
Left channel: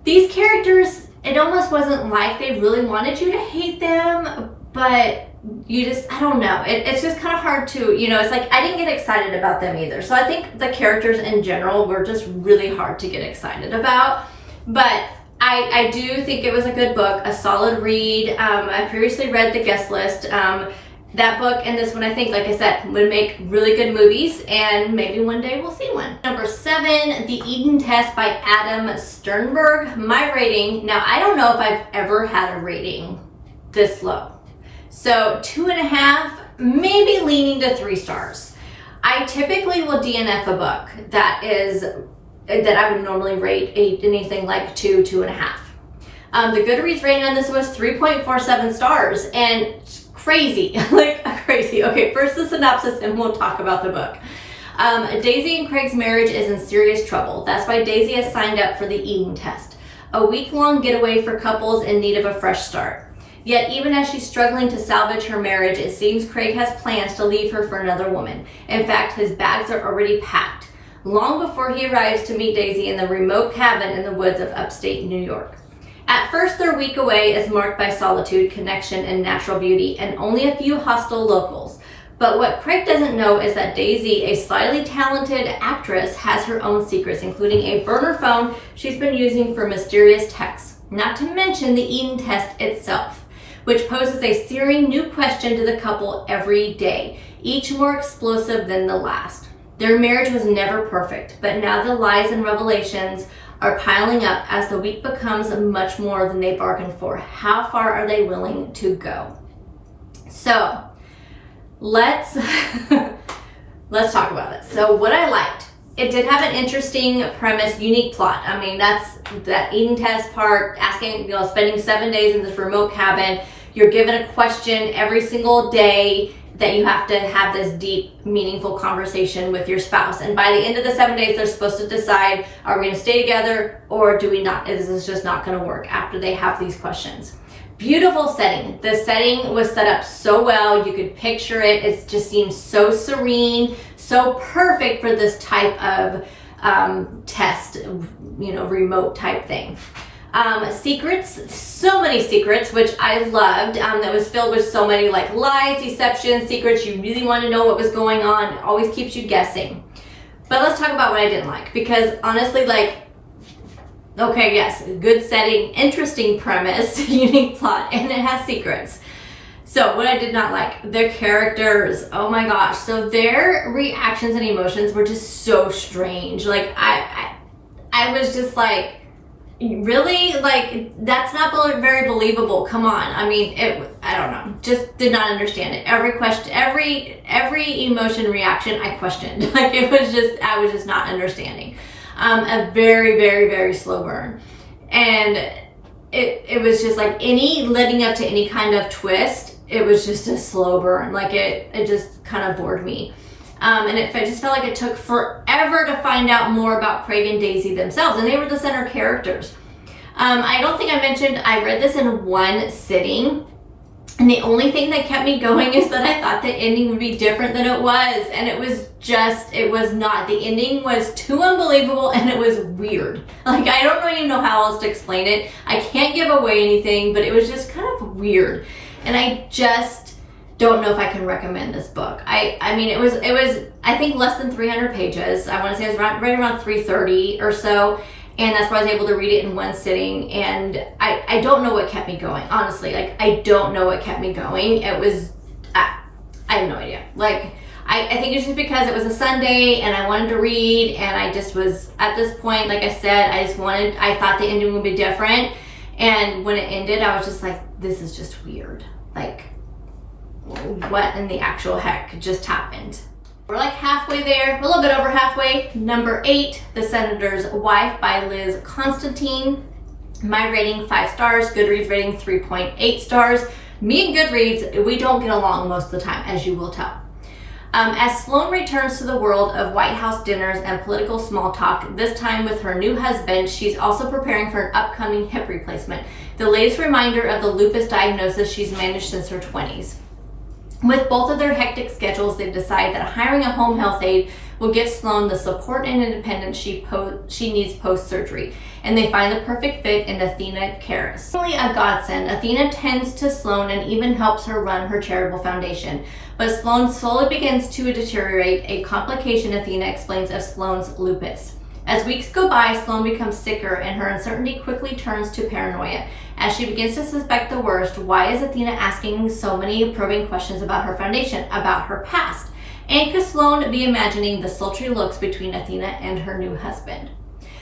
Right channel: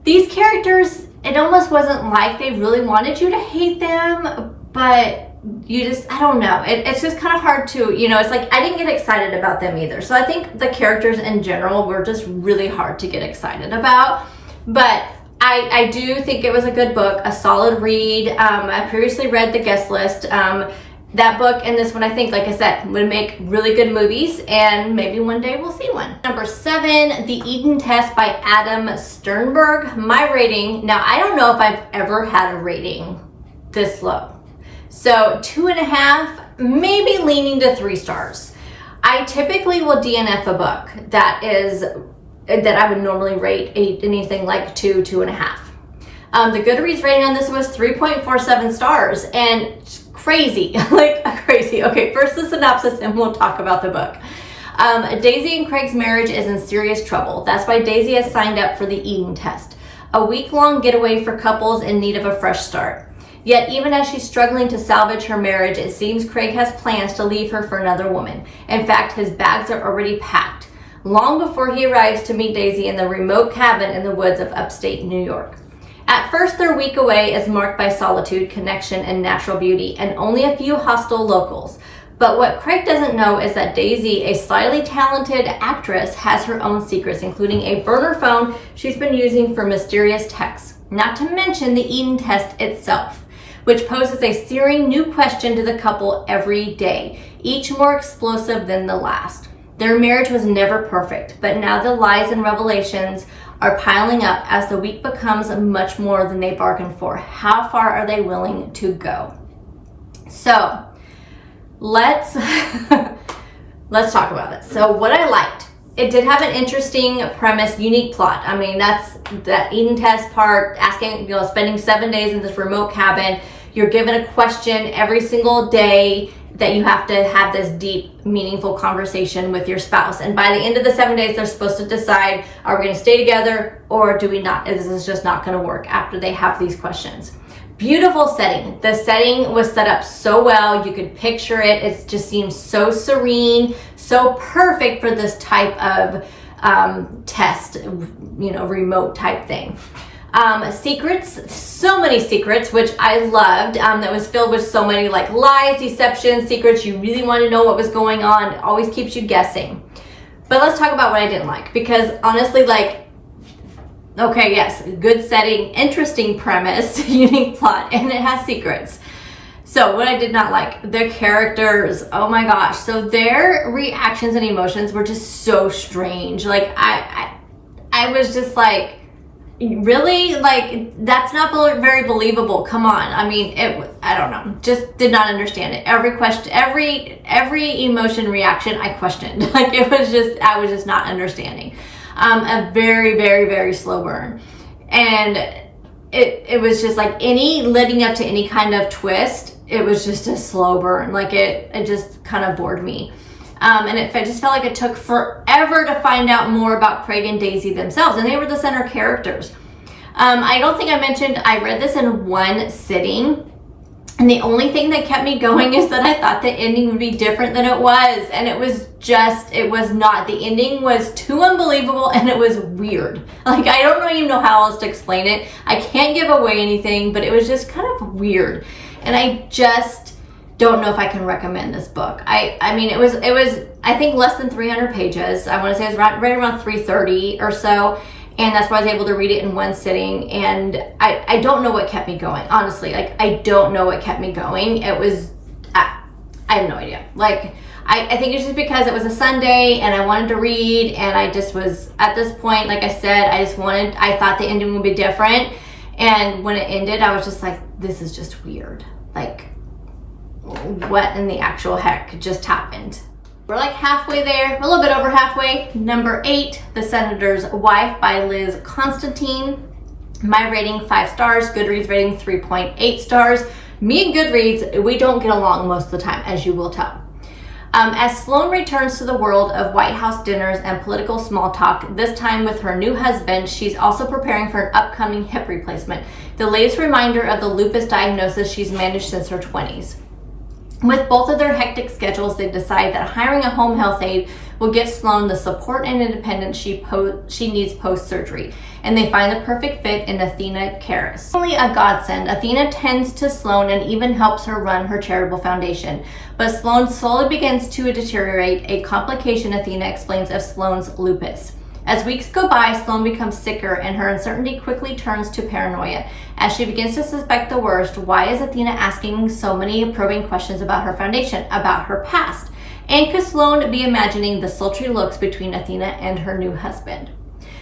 These characters, it almost wasn't like they really wanted you to hate them, but I don't know. It's just kind of hard to, it's like I didn't get excited about them either. So I think the characters in general were just really hard to get excited about. But I do think it was a good book, a solid read. I previously read The Guest List. That book and this one, I think, like I said, would make really good movies, and maybe one day we'll see one. Number 7, The Eden Test by Adam Sternberg. My rating, now I don't know if I've ever had a rating this low. So 2.5, maybe leaning to 3 stars. I typically will DNF a book that I would normally rate anything like 2.5. The Goodreads rating on this was 3.47 stars, and crazy, crazy. Okay, first the synopsis and we'll talk about the book. Daisy and Craig's marriage is in serious trouble. That's why Daisy has signed up for the Eden Test, a week-long getaway for couples in need of a fresh start. Yet even as she's struggling to salvage her marriage, it seems Craig has plans to leave her for another woman. In fact, his bags are already packed, long before he arrives to meet Daisy in the remote cabin in the woods of upstate New York. At first, their week away is marked by solitude, connection, and natural beauty, and only a few hostile locals. But what Craig doesn't know is that Daisy, a slightly talented actress, has her own secrets, including a burner phone she's been using for mysterious texts, not to mention the Eden Test itself, which poses a searing new question to the couple every day, each more explosive than the last. Their marriage was never perfect, but now the lies and revelations are piling up as the week becomes much more than they bargained for. How far are they willing to go? So let's talk about this. So what I liked, it did have an interesting premise, unique plot. I mean, that's that Eden Test part, asking, spending 7 days in this remote cabin. You're given a question every single day that you have to have this deep, meaningful conversation with your spouse. And by the end of the 7 days, they're supposed to decide, are we gonna stay together or do we not? This is just not gonna work after they have these questions. Beautiful setting. The setting was set up so well. You could picture it. It just seems so serene, so perfect for this type of test, remote type thing. Secrets, so many secrets, which I loved, that was filled with so many lies, deceptions, secrets. You really want to know what was going on. It always keeps you guessing. But let's talk about what I didn't like, because honestly, like, okay, yes, good setting, interesting premise, unique plot, and it has secrets. So what I did not like, the characters, oh my gosh. So their reactions and emotions were just so strange. Like I was just like, really? Like, that's not very believable. Come on. I mean, I don't know. Just did not understand it. Every question, every emotion reaction, I questioned. Like, I was just not understanding. A very, very, very slow burn. And it was just like any leading up to any kind of twist, it was just a slow burn. Like it just kind of bored me. And it just felt like it took forever to find out more about Craig and Daisy themselves, and they were the center characters. I don't think I mentioned, I read this in one sitting, and the only thing that kept me going is that I thought the ending would be different than it was, and it was not. The ending was too unbelievable, and it was weird. Like, I don't even know how else to explain it. I can't give away anything, but it was just kind of weird, and I just don't know if I can recommend this book. I mean, it was I think less than 300 pages. I want to say it was right around 330 or so, and that's why I was able to read it in one sitting. And I don't know what kept me going, honestly. Like, I don't know what kept me going. It was I have no idea. Like, I think it's just because it was a Sunday and I wanted to read, and I just was at this point, like I said, I thought the ending would be different, and when it ended, I was just like, this is just weird. Like, what in the actual heck just happened? We're like halfway there, a little bit over halfway. Number 8, The Senator's Wife by Liz Constantine. My rating 5 stars, Goodreads rating 3.8 stars. Me and Goodreads, we don't get along most of the time, as you will tell. As Sloane returns to the world of White House dinners and political small talk, this time with her new husband, she's also preparing for an upcoming hip replacement, the latest reminder of the lupus diagnosis she's managed since her 20s. With both of their hectic schedules, they decide that hiring a home health aide will give Sloane the support and independence she needs post-surgery, and they find the perfect fit in Athena Karras. Only a godsend, Athena tends to Sloane and even helps her run her charitable foundation, but Sloane slowly begins to deteriorate, a complication Athena explains of Sloane's lupus. As weeks go by, Sloane becomes sicker, and her uncertainty quickly turns to paranoia. As she begins to suspect the worst, why is Athena asking so many probing questions about her foundation, about her past? And could Sloane be imagining the sultry looks between Athena and her new husband?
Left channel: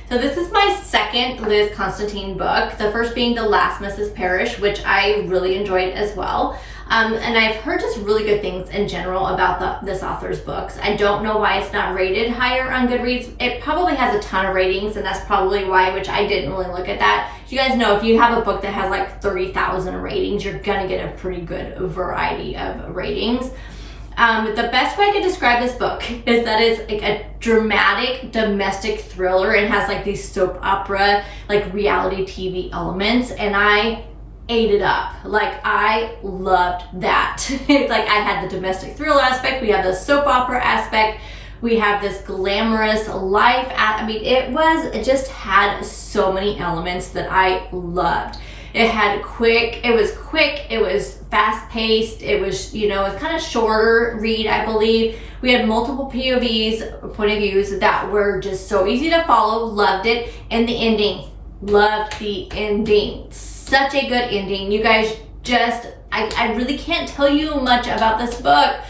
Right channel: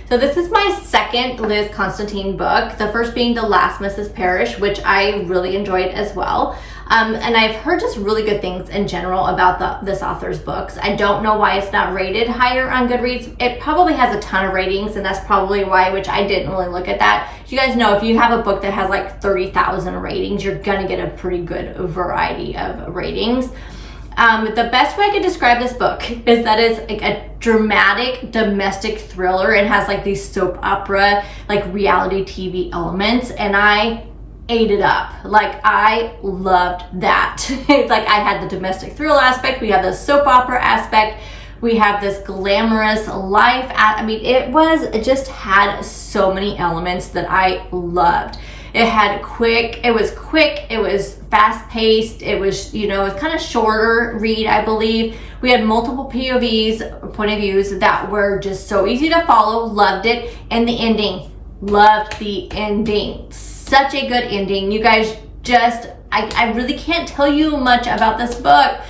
So this is my second Liz Constantine book, the first being The Last Mrs. Parrish, which I really enjoyed as well. And I've heard just really good things in general about this author's books. I don't know why it's not rated higher on Goodreads. It probably has a ton of ratings, and that's probably why, which I didn't really look at that. You guys know, if you have a book that has like 30,000 ratings, you're gonna get a pretty good variety of ratings. The best way I could describe this book is that it's like a dramatic domestic thriller. It has like these soap opera, like reality TV elements, and I ate it up. Like, I loved that. Like, I had the domestic thriller aspect, we have the soap opera aspect, we have this glamorous life. I mean, it just had so many elements that I loved. It was fast paced, it was, it was kind of shorter read, I believe. We had multiple POVs, point of views, that were just so easy to follow, loved it. And the ending, loved the ending. Such a good ending. You guys just, I really can't tell you much about this book.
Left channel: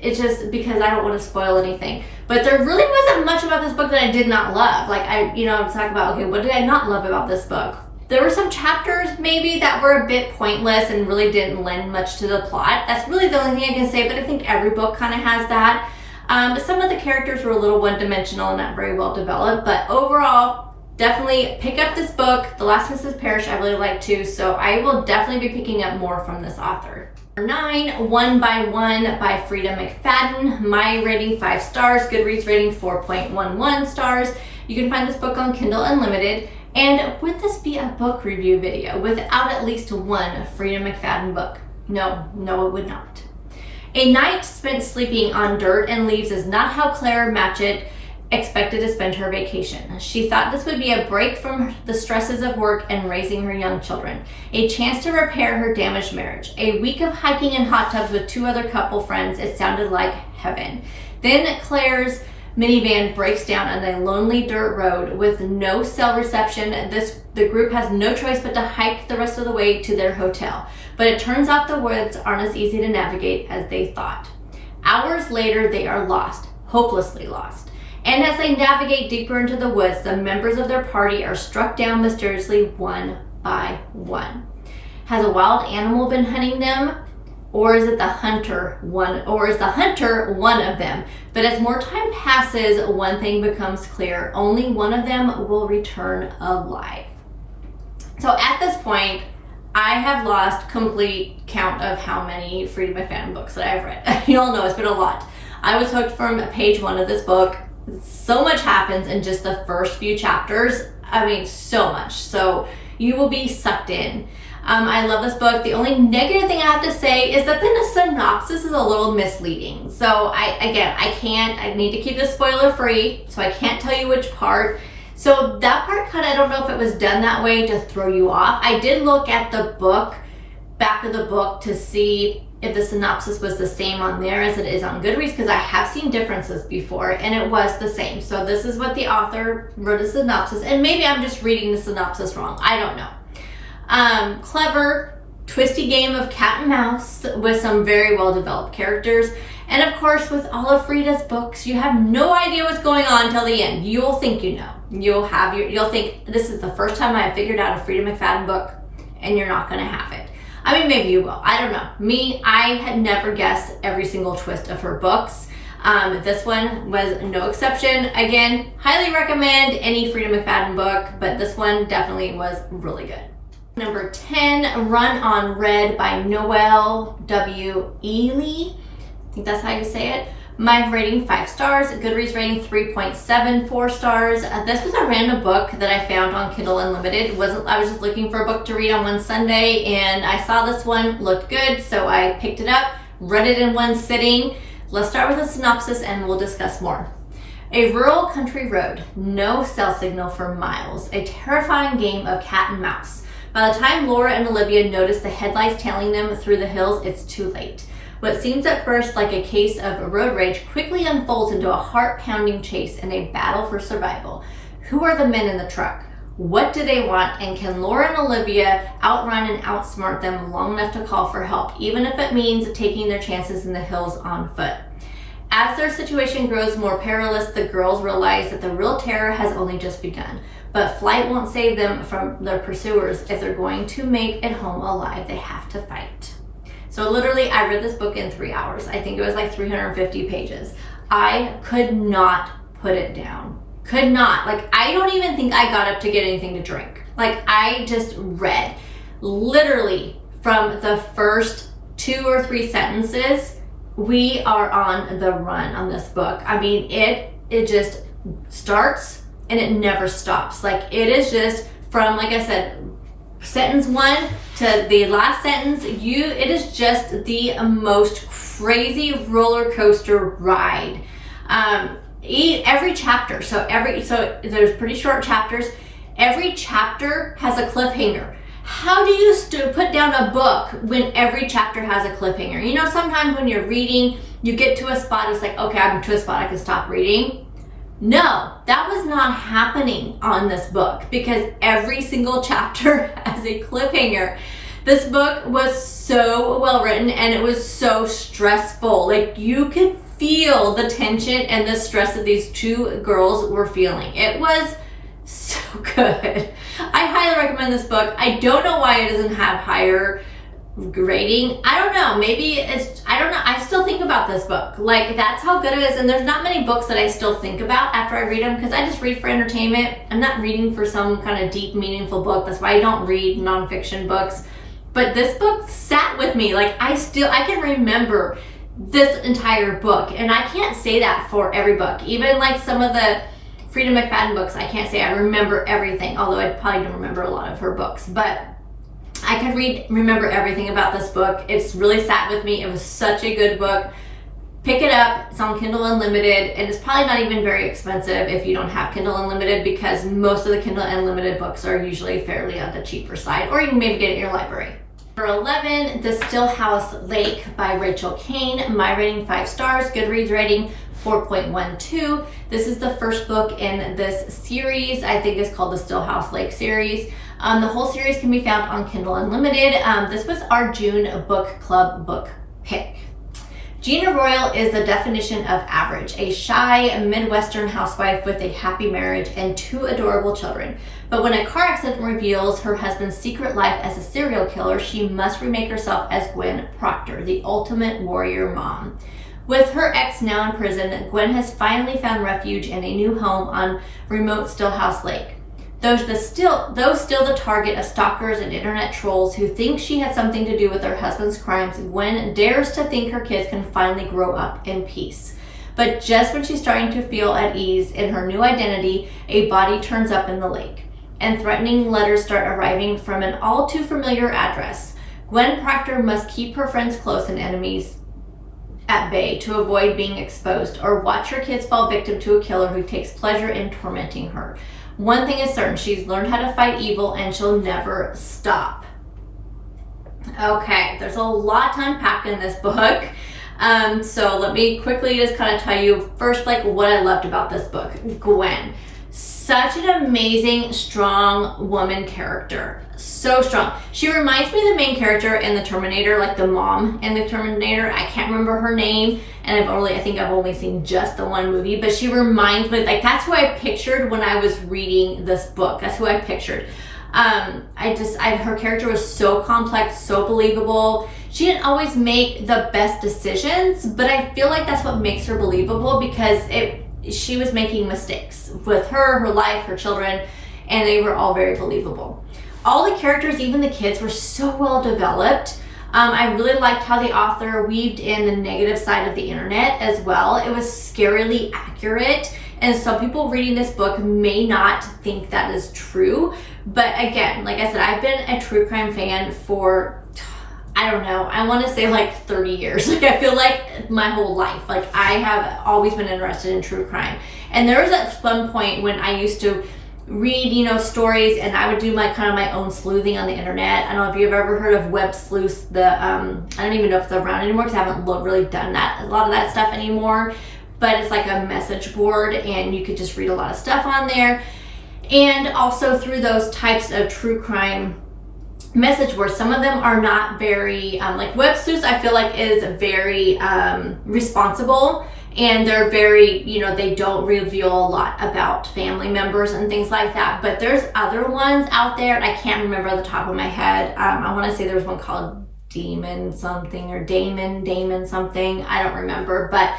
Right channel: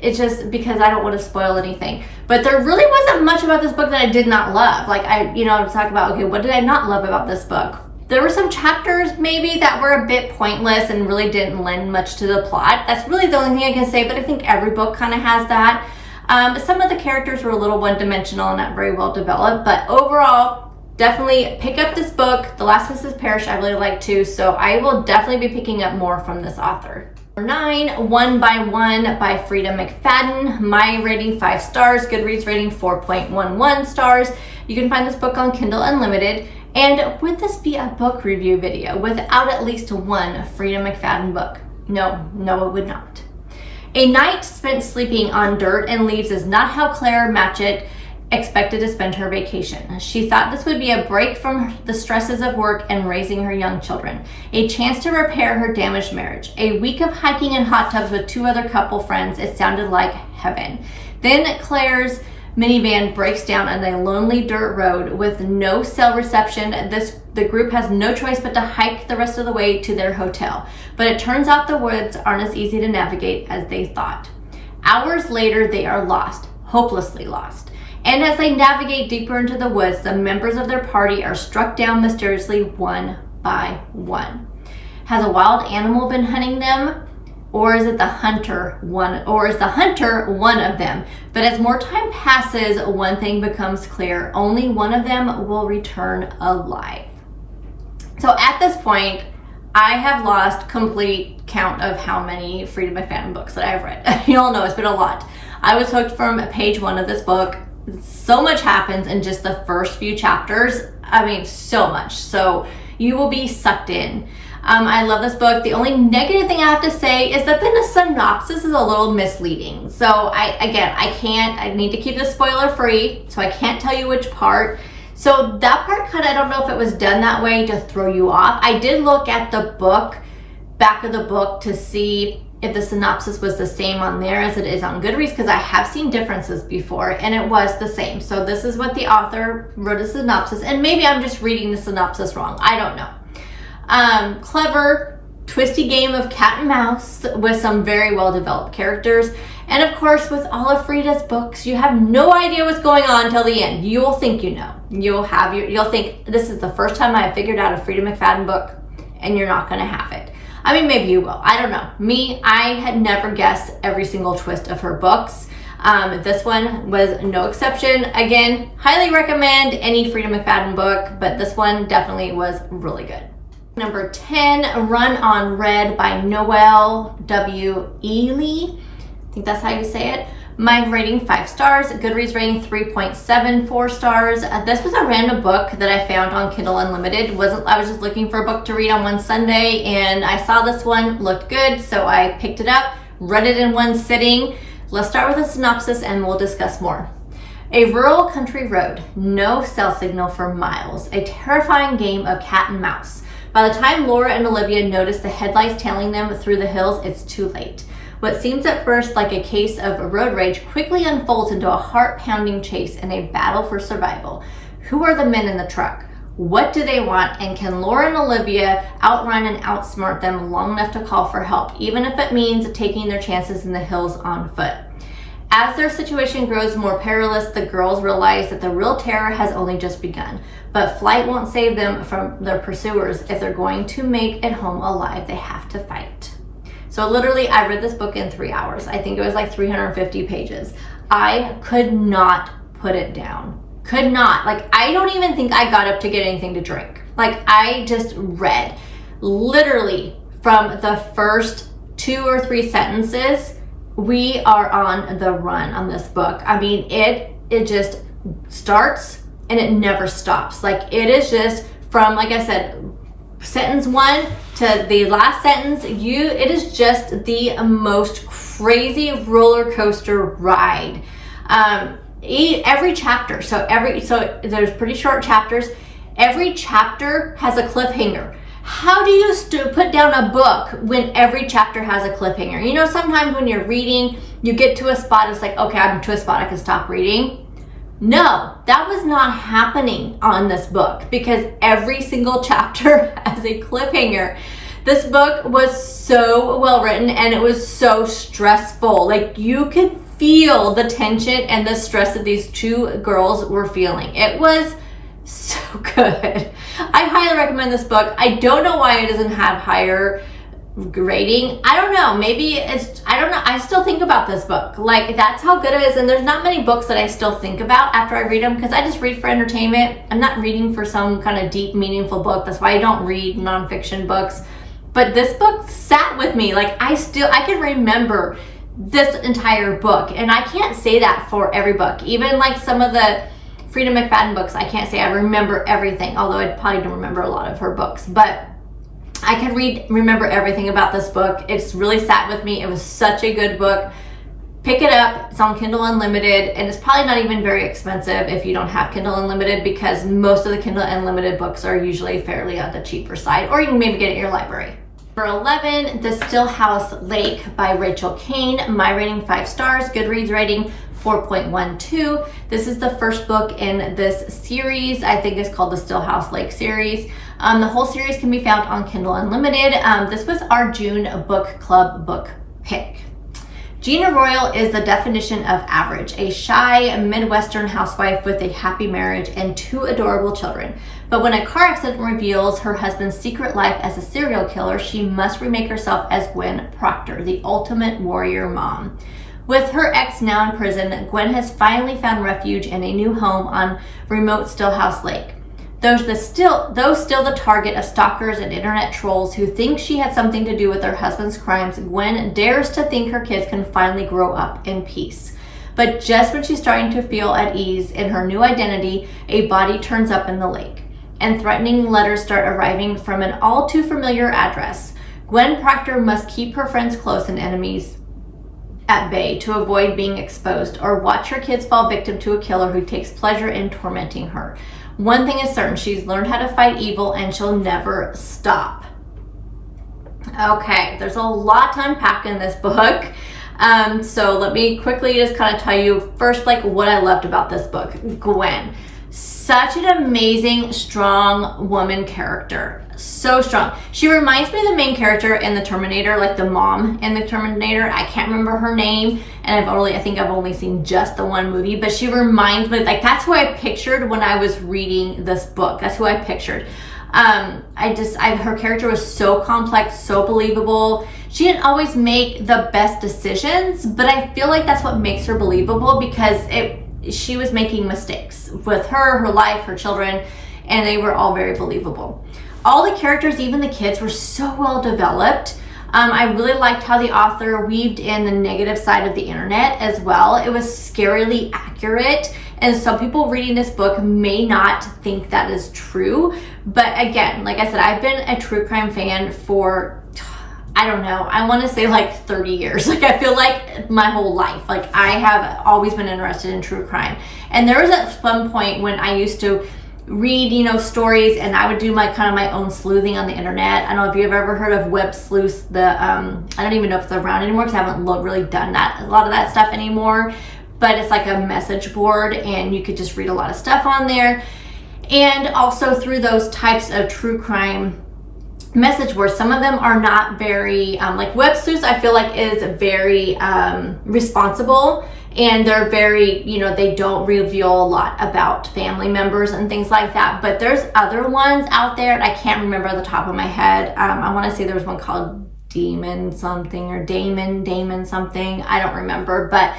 It's just because I don't want to spoil anything. But there really wasn't much about this book that I did not love. Like, I'm talking about, okay, what did I not love about this book? There were some chapters maybe that were a bit pointless and really didn't lend much to the plot. That's really the only thing I can say, but I think every book kind of has that. Some of the characters were a little one-dimensional and not very well developed, but overall, definitely pick up this book. The Last Mrs. Parrish I really like too, so I will definitely be picking up more from this author. Number 9, One by One by Frida McFadden. My rating 5 stars, Goodreads rating 4.11 stars. You can find this book on Kindle Unlimited. And would this be a book review video without at least one Frida McFadden book? No, it would not. A night spent sleeping on dirt and leaves is not how Claire Matchett expected to spend her vacation. She thought this would be a break from the stresses of work and raising her young children, a chance to repair her damaged marriage. A week of hiking in hot tubs with 2 other couple friends, it sounded like heaven. Then Claire's minivan breaks down on a lonely dirt road with no cell reception. The group has no choice but to hike the rest of the way to their hotel. But it turns out the woods aren't as easy to navigate as they thought. Hours later, they are lost, hopelessly lost. And as they navigate deeper into the woods, the members of their party are struck down mysteriously one by one. Has a wild animal been hunting them? Or is the hunter one of them? But as more time passes, one thing becomes clear. Only one of them will return alive. So at this point, I have lost complete count of how many Freedom McFadden books that I've read. You all know it's been a lot. I was hooked from page 1 of this book. So much happens in just the first few chapters. I mean, so much. So you will be sucked in. I love this book. The only negative thing I have to say is that the synopsis is a little misleading. So I need to keep this spoiler free, so I can't tell you which part. So that part I don't know if it was done that way to throw you off. I did look at the back of the book to see if the synopsis was the same on there as it is on Goodreads, because I have seen differences before and it was the same. So this is what the author wrote a synopsis, and maybe I'm just reading the synopsis wrong. I don't know. Clever, twisty game of cat and mouse with some very well developed characters. And of course, with all of Frida's books, you have no idea what's going on until the end. You will think you know. You'll think this is the first time I have figured out a Frida McFadden book, and you're not going to have it. I mean, maybe you will. I don't know. Me, I had never guessed every single twist of her books. This one was no exception. Again, highly recommend any Frida McFadden book, but this one definitely was really good. Number 10, Run on Red by Noelle W. Ely. I think that's how you say it. My rating 5 stars, Goodreads rating 3.74 stars. This was a random book that I found on Kindle Unlimited. I was just looking for a book to read on one Sunday, and I saw this one, looked good, so I picked it up, read it in one sitting. Let's start with a synopsis and we'll discuss more. A rural country road, no cell signal for miles, a terrifying game of cat and mouse. By the time Laura and Olivia notice the headlights tailing them through the hills, it's too late. What seems at first like a case of road rage quickly unfolds into a heart-pounding chase and a battle for survival. Who are the men in the truck? What do they want? And can Laura and Olivia outrun and outsmart them long enough to call for help, even if it means taking their chances in the hills on foot? As their situation grows more perilous, the girls realize that the real terror has only just begun. But flight won't save them from their pursuers. If they're going to make it home alive, they have to fight. So literally, I read this book in 3 hours. I think it was like 350 pages. I could not put it down. Could not. Like, I don't even think I got up to get anything to drink. Like, I just read. Literally, from the first 2 or 3 sentences, we are on the run on this book. I mean, it just starts and it never stops. Like, it is just from, like I said, sentence 1 to the last sentence, it is just the most crazy roller coaster ride. Every chapter, so there's pretty short chapters. Every chapter has a cliffhanger. How do you put down a book when every chapter has a cliffhanger? You know, sometimes when you're reading, you get to a spot, it's like, okay, I'm to a spot, I can stop reading. No, that was not happening on this book because every single chapter has a cliffhanger. This book was so well written and it was so stressful. Like, you could feel the tension and the stress that these 2 girls were feeling. It was so good. I highly recommend this book. I don't know why it doesn't have higher rating. I don't know. Maybe I don't know. I still think about this book. Like, that's how good it is. And there's not many books that I still think about after I read them because I just read for entertainment. I'm not reading for some kind of deep, meaningful book. That's why I don't read nonfiction books. But this book sat with me. Like, I can remember this entire book. And I can't say that for every book. Even like some of the Frida McFadden books, I can't say I remember everything, although I probably don't remember a lot of her books. But I can remember everything about this book. It's really sat with me. It was such a good book. Pick it up. It's on Kindle Unlimited, and it's probably not even very expensive if you don't have Kindle Unlimited because most of the Kindle Unlimited books are usually fairly on the cheaper side, or you can maybe get it in your library. Number 11, The Stillhouse Lake by Rachel Kane. My rating 5 stars, Goodreads rating 4.12. This is the first book in this series. I think it's called the Stillhouse Lake series. The whole series can be found on Kindle Unlimited. This was our June book club book pick. Gina Royal is the definition of average, a shy Midwestern housewife with a happy marriage and 2 adorable children. But when a car accident reveals her husband's secret life as a serial killer, she must remake herself as Gwen Proctor, the ultimate warrior mom. With her ex now in prison, Gwen has finally found refuge in a new home on remote Stillhouse Lake. Though still the target of stalkers and internet trolls who think she had something to do with her husband's crimes, Gwen dares to think her kids can finally grow up in peace. But just when she's starting to feel at ease in her new identity, a body turns up in the lake, and threatening letters start arriving from an all too familiar address. Gwen Proctor must keep her friends close and enemies at bay to avoid being exposed, or watch her kids fall victim to a killer who takes pleasure in tormenting her. One thing is certain, she's learned how to fight evil and she'll never stop. Okay, there's a lot to unpack in this book. So let me quickly just kind of tell you first, like, what I loved about this book. Gwen, such an amazing, strong woman character. So strong. She reminds me of the main character in the Terminator, like the mom in the Terminator. I can't remember her name, and I think I've only seen just the one movie, but she reminds me, like, that's who I pictured when I was reading this book. That's who I pictured. Her character was so complex, so believable. She didn't always make the best decisions, but I feel like that's what makes her believable, because she was making mistakes with her life, her children, and they were all very believable. All the characters, even the kids, were so well developed. I really liked how the author weaved in the negative side of the internet as well. It was scarily accurate, and some people reading this book may not think that is true. But again, like I said, I've been a true crime fan for, I don't know, I want to say like 30 years. Like, I feel like my whole life, like, I have always been interested in true crime. And there was at one point when I used to read, stories, and I would do my own sleuthing on the internet. I don't know if you've ever heard of web sleuths. I don't even know if they're around anymore, because I haven't really done a lot of that stuff anymore. But it's like a message board, and you could just read a lot of stuff on there. And also through those types of true crime message boards, some of them are not very, like web sleuths, I feel like is very responsible. And they're very, they don't reveal a lot about family members and things like that. But there's other ones out there, and I can't remember on the top of my head. I want to say there's one called Demon something, or Damon something. I don't remember. But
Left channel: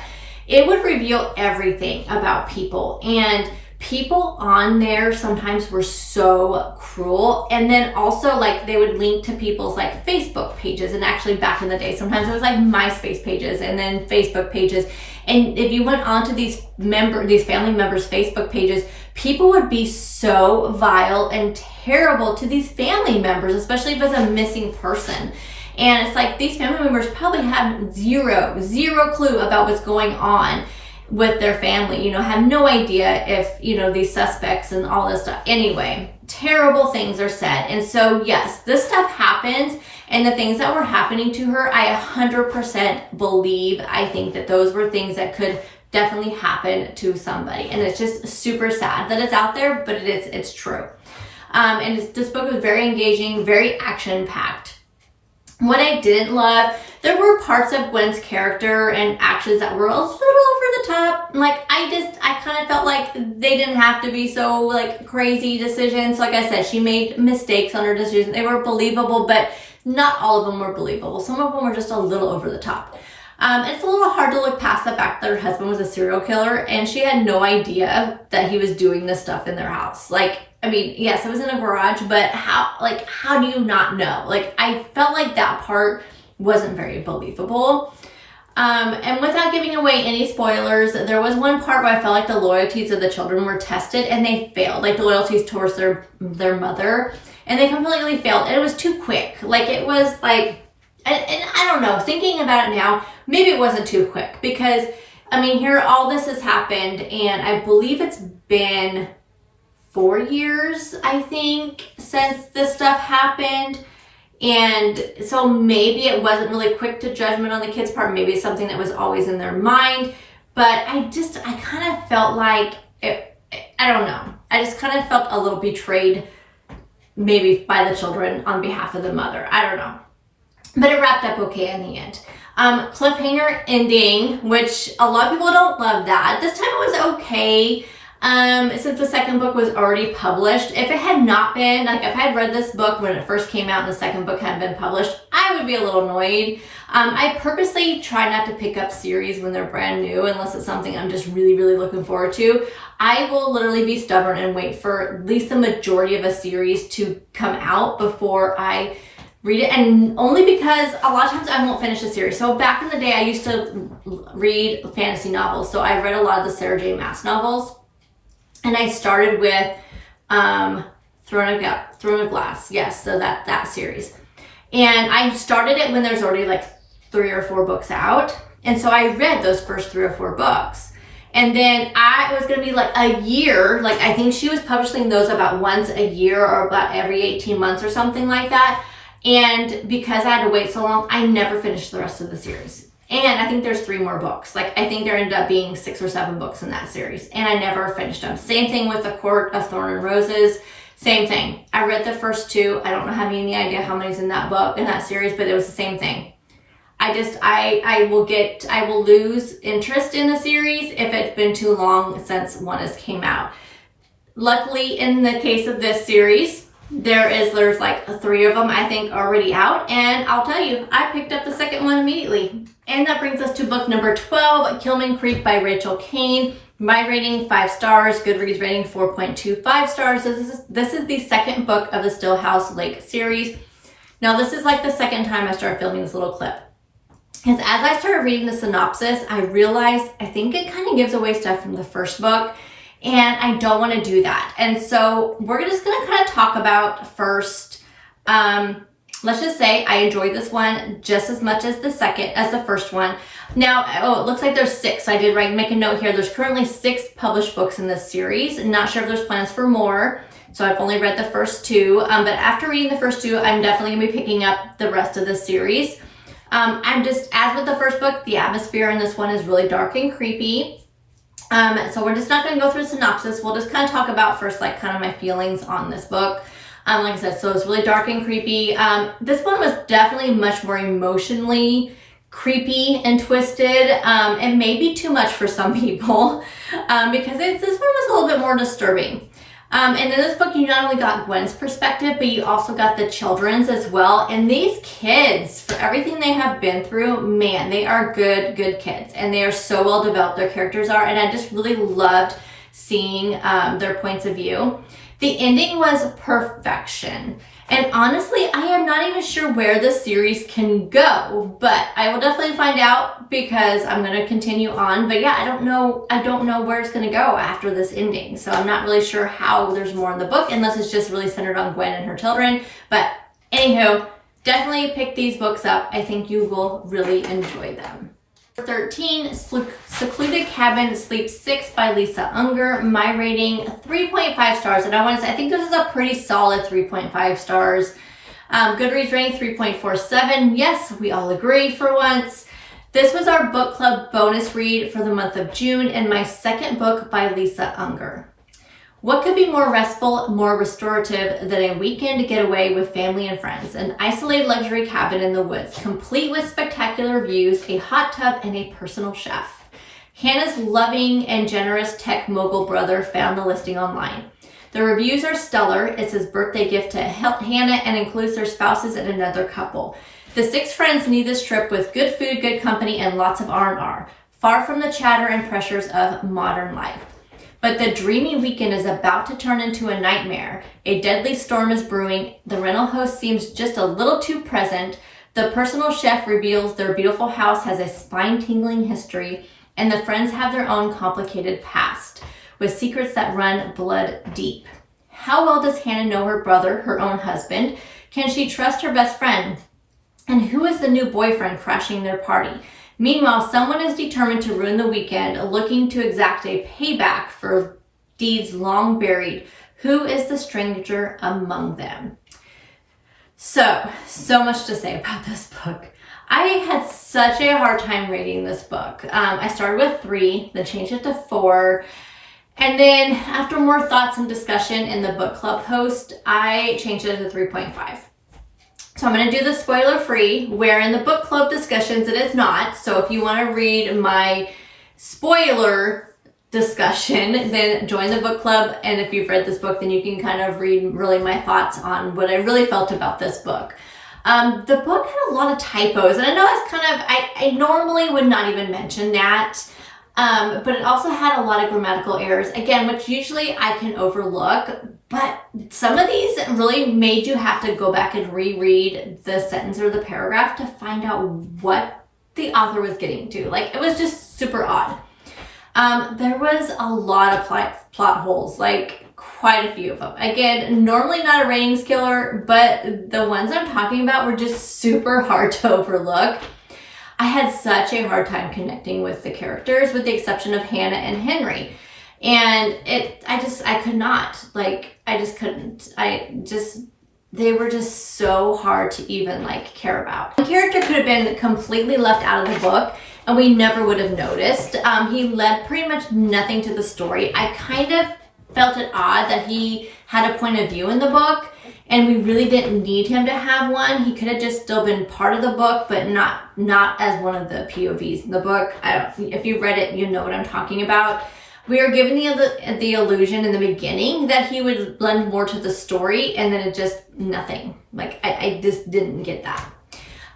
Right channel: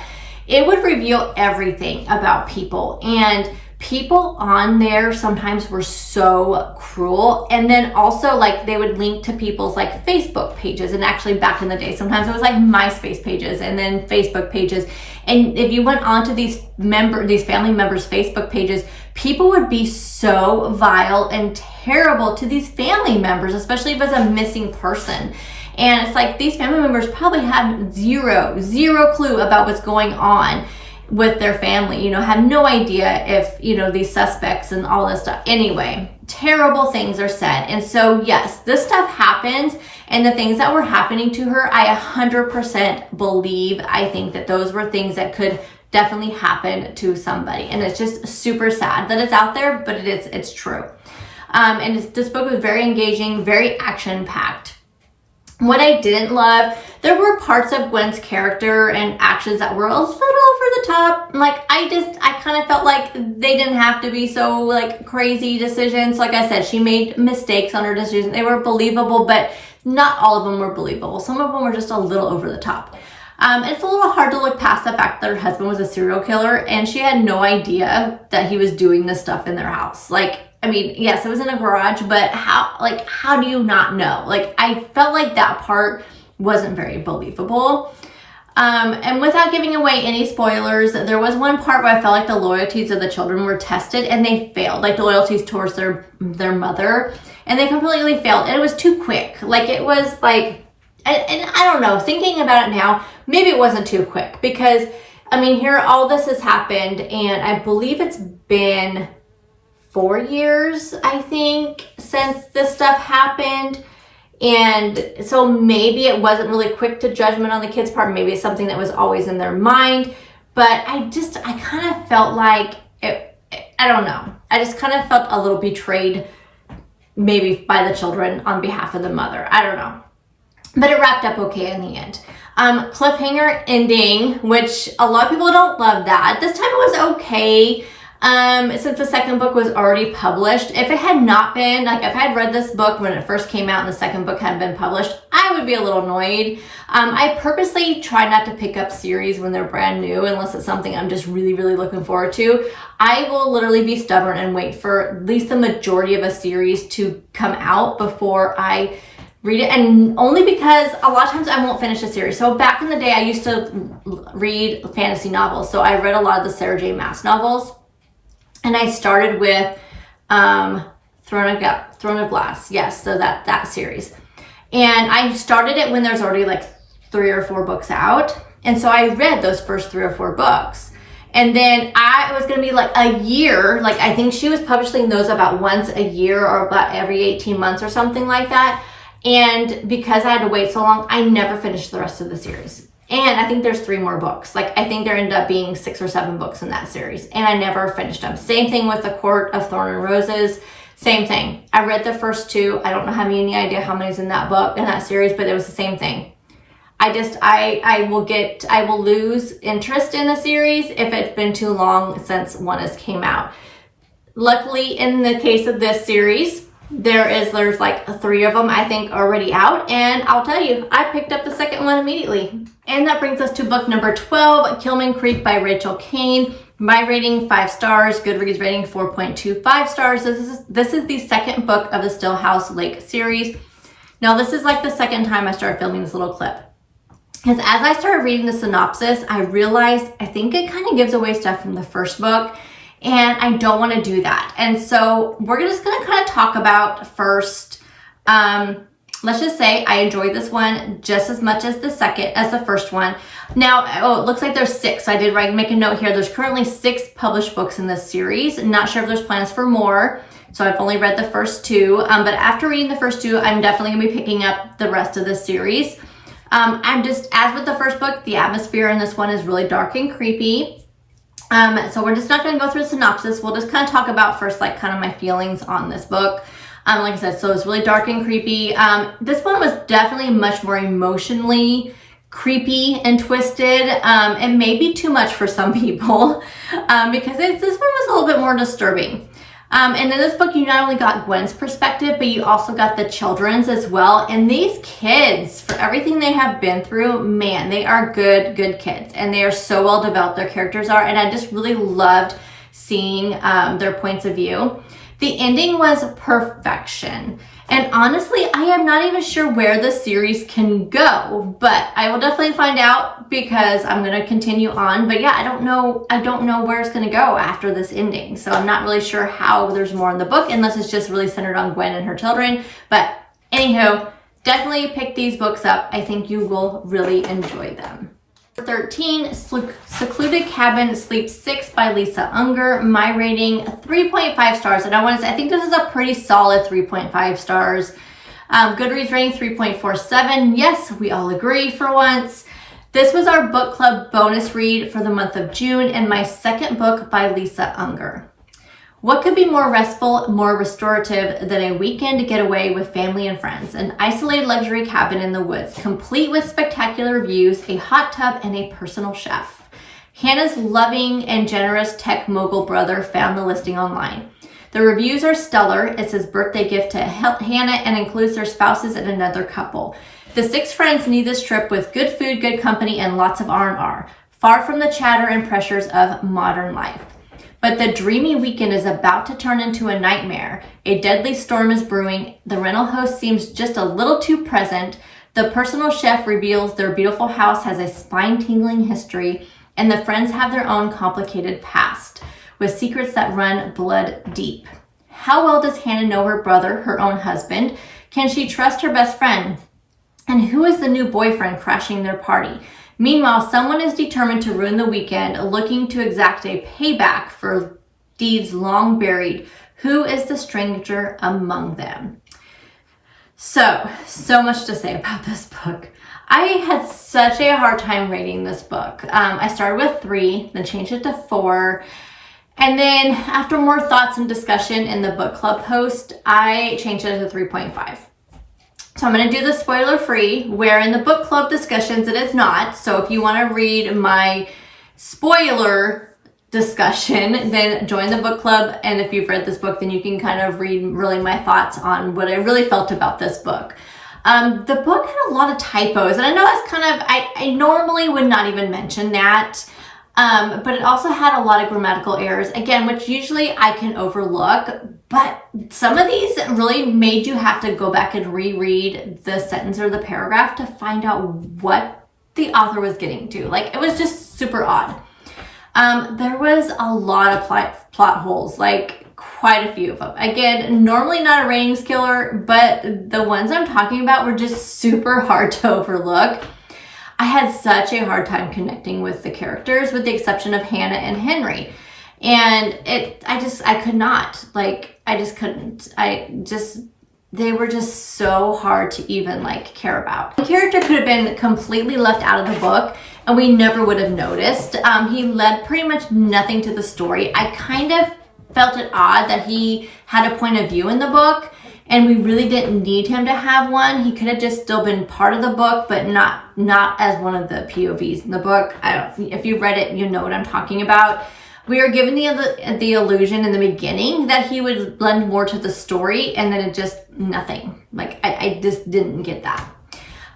it would reveal everything about people. And people on there sometimes were so cruel. And then also, like, they would link to people's like Facebook pages. And actually back in the day, sometimes it was like MySpace pages and then Facebook pages. And if you went onto these family members' Facebook pages, people would be so vile and terrible to these family members, especially if it's a missing person. And it's like, these family members probably have zero clue about what's going on with their family, had no idea if, these suspects and all this stuff. Anyway, terrible things are said. And so, yes, this stuff happens. And the things that were happening to her, I 100% believe, I think that those were things that could definitely happen to somebody. And it's just super sad that it's out there, but it's true. And this book was very engaging, very action-packed. What I didn't love, there were parts of Gwen's character and actions that were a little over the top. Like, I kind of felt like they didn't have to be so, like, crazy decisions. Like I said, she made mistakes on her decisions. They were believable, but not all of them were believable. Some of them were just a little over the top. It's a little hard to look past the fact that her husband was a serial killer, and she had no idea that he was doing this stuff in their house. Like, I mean, yes, it was in a garage, but how do you not know? Like, I felt like that part wasn't very believable. And without giving away any spoilers, there was one part where I felt like the loyalties of the children were tested and they failed, like the loyalties towards their mother, and they completely failed. And it was too quick. Like, it was like, and I don't know, thinking about it now, maybe it wasn't too quick, because I mean, here all this has happened, and I believe it's been 4 years, I think, since this stuff happened. And so maybe it wasn't really quick to judgment on the kids' part. Maybe it's something that was always in their mind. but I kind of felt like I don't know. I just kind of felt a little betrayed maybe by the children on behalf of the mother. I don't know. But it wrapped up okay in the end. Cliffhanger ending, which a lot of people don't love that. This time it was okay. Since the second book was already published. If it had not been, like if I had read this book when it first came out and the second book hadn't been published, I would be a little annoyed. I purposely try not to pick up series when they're brand new unless it's something I'm just really, really looking forward to. I will literally be stubborn and wait for at least the majority of a series to come out before I read it, and only because a lot of times I won't finish a series. So back in the day, I used to read fantasy novels. So I read a lot of the Sarah J. Maas novels. And I started with Throne of Glass. Yes, so that series. And I started it when there's already like 3 or 4 books out. And so I read those first 3 or 4 books. And then it was going to be like a year. Like I think she was publishing those about once a year or about every 18 months or something like that. And because I had to wait so long, I never finished the rest of the series. And I think there's 3 more books. Like I think there ended up being 6 or 7 books in that series. And I never finished them. Same thing with The Court of Thorn and Roses. Same thing. I read the first 2. I don't have any idea how many's in that book, in that series, but it was the same thing. I will lose interest in a series if it's been too long since one has came out. Luckily, in the case of this series, there's like 3 of them I think already out, and I'll tell you, I picked up the second one immediately. And that brings us to book number 12, Killman Creek by Rachel Kane. My rating 5 stars, Goodreads rating 4.25 stars. This is the second book of the Stillhouse Lake series. Now this is like the second time I started filming this little clip. Because as I started reading the synopsis, I realized I think it kind of gives away stuff from the first book. And I don't want to do that. And so we're just going to kind of talk about first, let's just say I enjoyed this one just as much as the first one. Now, it looks like there's 6. I did make a note here. There's currently 6 published books in this series. I'm not sure if there's plans for more. So I've only read the first 2. But after reading the first 2, I'm definitely going to be picking up the rest of the series. I'm just, as with the first book, the atmosphere in this one is really dark and creepy. So we're just not going to go through the synopsis. We'll just kind of talk about first, like kind of my feelings on this book. Like I said, so it's really dark and creepy. This one was definitely much more emotionally creepy and twisted, and maybe too much for some people, because this one was a little bit more disturbing. And in this book, you not only got Gwen's perspective, but you also got the children's as well. And these kids, for everything they have been through, man, they are good kids. And they are so well developed, their characters are. And I just really loved seeing their points of view. The ending was perfection. And honestly, I am not even sure where the series can go, but I will definitely find out because I'm going to continue on. But yeah, I don't know where it's going to go after this ending. So I'm not really sure how there's more in the book unless it's just really centered on Gwen and her children. But anywho, definitely pick these books up. I think you will really enjoy them. 13, Secluded Cabin Sleep 6 by Lisa Unger. My rating 3.5 stars. And I think this is a pretty solid 3.5 stars. Goodreads rating 3.47. Yes, we all agree for once. This was our book club bonus read for the month of June and my second book by Lisa Unger. What could be more restful, more restorative than a weekend getaway with family and friends? An isolated luxury cabin in the woods, complete with spectacular views, a hot tub, and a personal chef. Hannah's loving and generous tech mogul brother found the listing online. The reviews are stellar. It's his birthday gift to Hannah and includes their spouses and another couple. The 6 friends need this trip with good food, good company, and lots of R&R, far from the chatter and pressures of modern life. But the dreamy weekend is about to turn into a nightmare. A deadly storm is brewing. The rental host seems just a little too present. The personal chef reveals their beautiful house has a spine-tingling history, and the friends have their own complicated past, with secrets that run blood deep. How well does Hannah know her brother, her own husband? Can she trust her best friend? And who is the new boyfriend crashing their party? Meanwhile, someone is determined to ruin the weekend, looking to exact a payback for deeds long buried. Who is the stranger among them? So much to say about this book. I had such a hard time rating this book. I started with 3, then changed it to 4. And then after more thoughts and discussion in the book club post, I changed it to 3.5. So I'm going to do the spoiler free, where in the book club discussions it is not. So if you want to read my spoiler discussion, then join the book club. And if you've read this book, then you can kind of read really my thoughts on what I really felt about this book. The book had a lot of typos, and I know that's kind of, I normally would not even mention that. But it also had a lot of grammatical errors, again, which usually I can overlook, but some of these really made you have to go back and reread the sentence or the paragraph to find out what the author was getting to. Like, it was just super odd. There was a lot of plot holes, like quite a few of them. Again, normally not a ratings killer, but the ones I'm talking about were just super hard to overlook. I had such a hard time connecting with the characters, with the exception of Hannah and Henry. And I could not, like, I just couldn't. They were just so hard to even, like, care about. The character could have been completely left out of the book, and we never would have noticed. He led pretty much nothing to the story. I kind of felt it odd that he had a point of view in the book, and we really didn't need him to have one. He could have just still been part of the book, but not as one of the POVs in the book. If you read it, you know what I'm talking about. We were given the illusion in the beginning that he would lend more to the story, and then it just nothing. Like, I just didn't get that.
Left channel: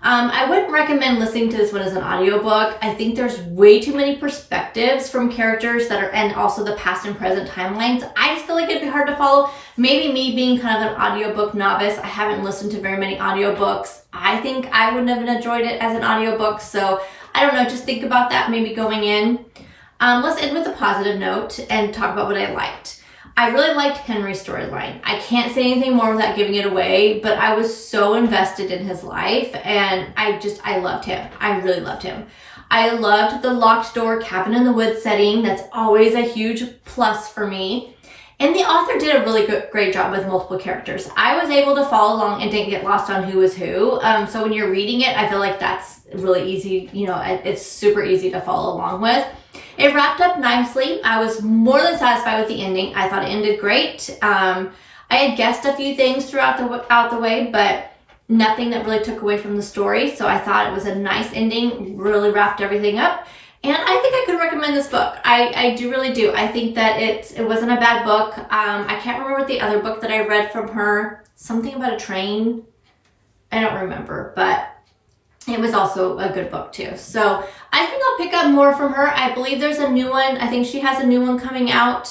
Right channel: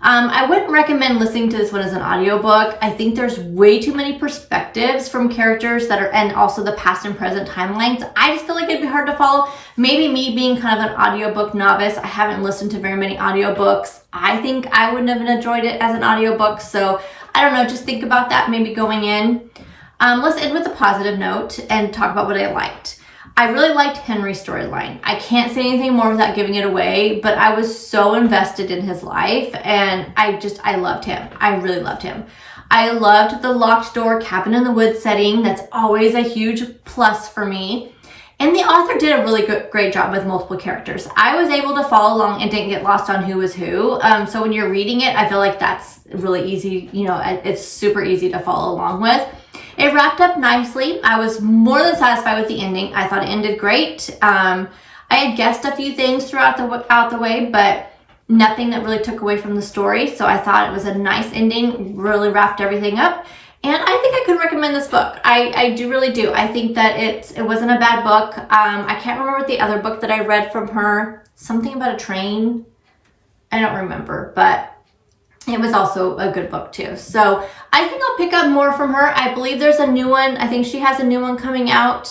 I wouldn't recommend listening to this one as an audiobook. I think there's way too many perspectives from characters and also the past and present timelines. I just feel like it'd be hard to follow. Maybe me being kind of an audiobook novice, I haven't listened to very many audiobooks. I think I wouldn't have enjoyed it as an audiobook. So I don't know, just think about that maybe going in. Let's end with a positive note and talk about what I liked. I really liked Henry's storyline. I can't say anything more without giving it away, but I was so invested in his life, and I loved him. I really loved him. I loved the locked door cabin in the woods setting. That's always a huge plus for me. And the author did a really great job with multiple characters. I was able to follow along and didn't get lost on who was who. So when you're reading it, I feel like that's really easy. You know, it's super easy to follow along with. It wrapped up nicely. I was more than satisfied with the ending. I thought it ended great. I had guessed a few things throughout the way, but nothing that really took away from the story. So I thought it was a nice ending, really wrapped everything up. And I think I could recommend this book. I really do. I think that it wasn't a bad book. I can't remember the other book that I read from her. Something about a train. I don't remember, but it was also a good book too. So I think I'll pick up more from her. I believe there's a new one. I think she has a new one coming out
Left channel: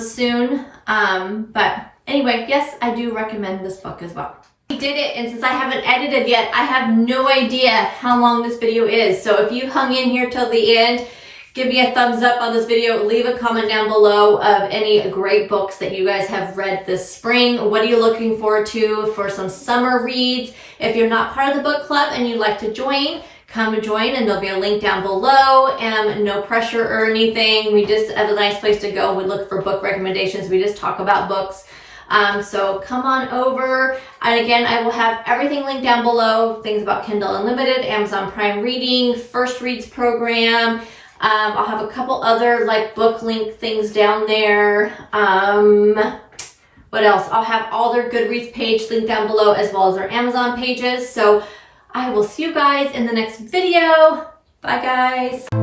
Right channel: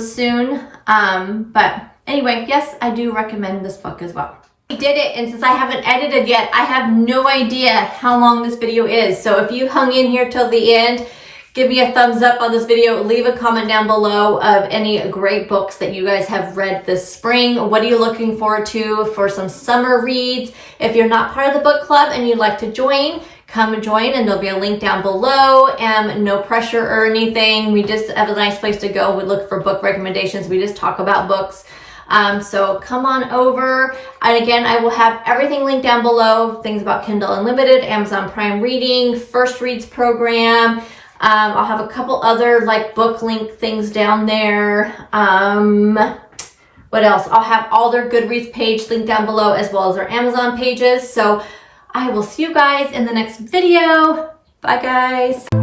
soon. But anyway, yes, I do recommend this book as well. I did it, and since I haven't edited yet, I have no idea how long this video is. So if you hung in here till the end, give me a thumbs up on this video. Leave a comment down below of any great books that you guys have read this spring. What are you looking forward to for some summer reads? If you're not part of the book club and you'd like to join, come and join, and there'll be a link down below. No pressure or anything. We just have a nice place to go. We look for book recommendations. We just talk about books. So come on over. And again, I will have everything linked down below. Things about Kindle Unlimited, Amazon Prime Reading, First Reads program. I'll have a couple other like book link things down there. What else? I'll have all their Goodreads page linked down below, as well as their Amazon pages. So I will see you guys in the next video. Bye guys.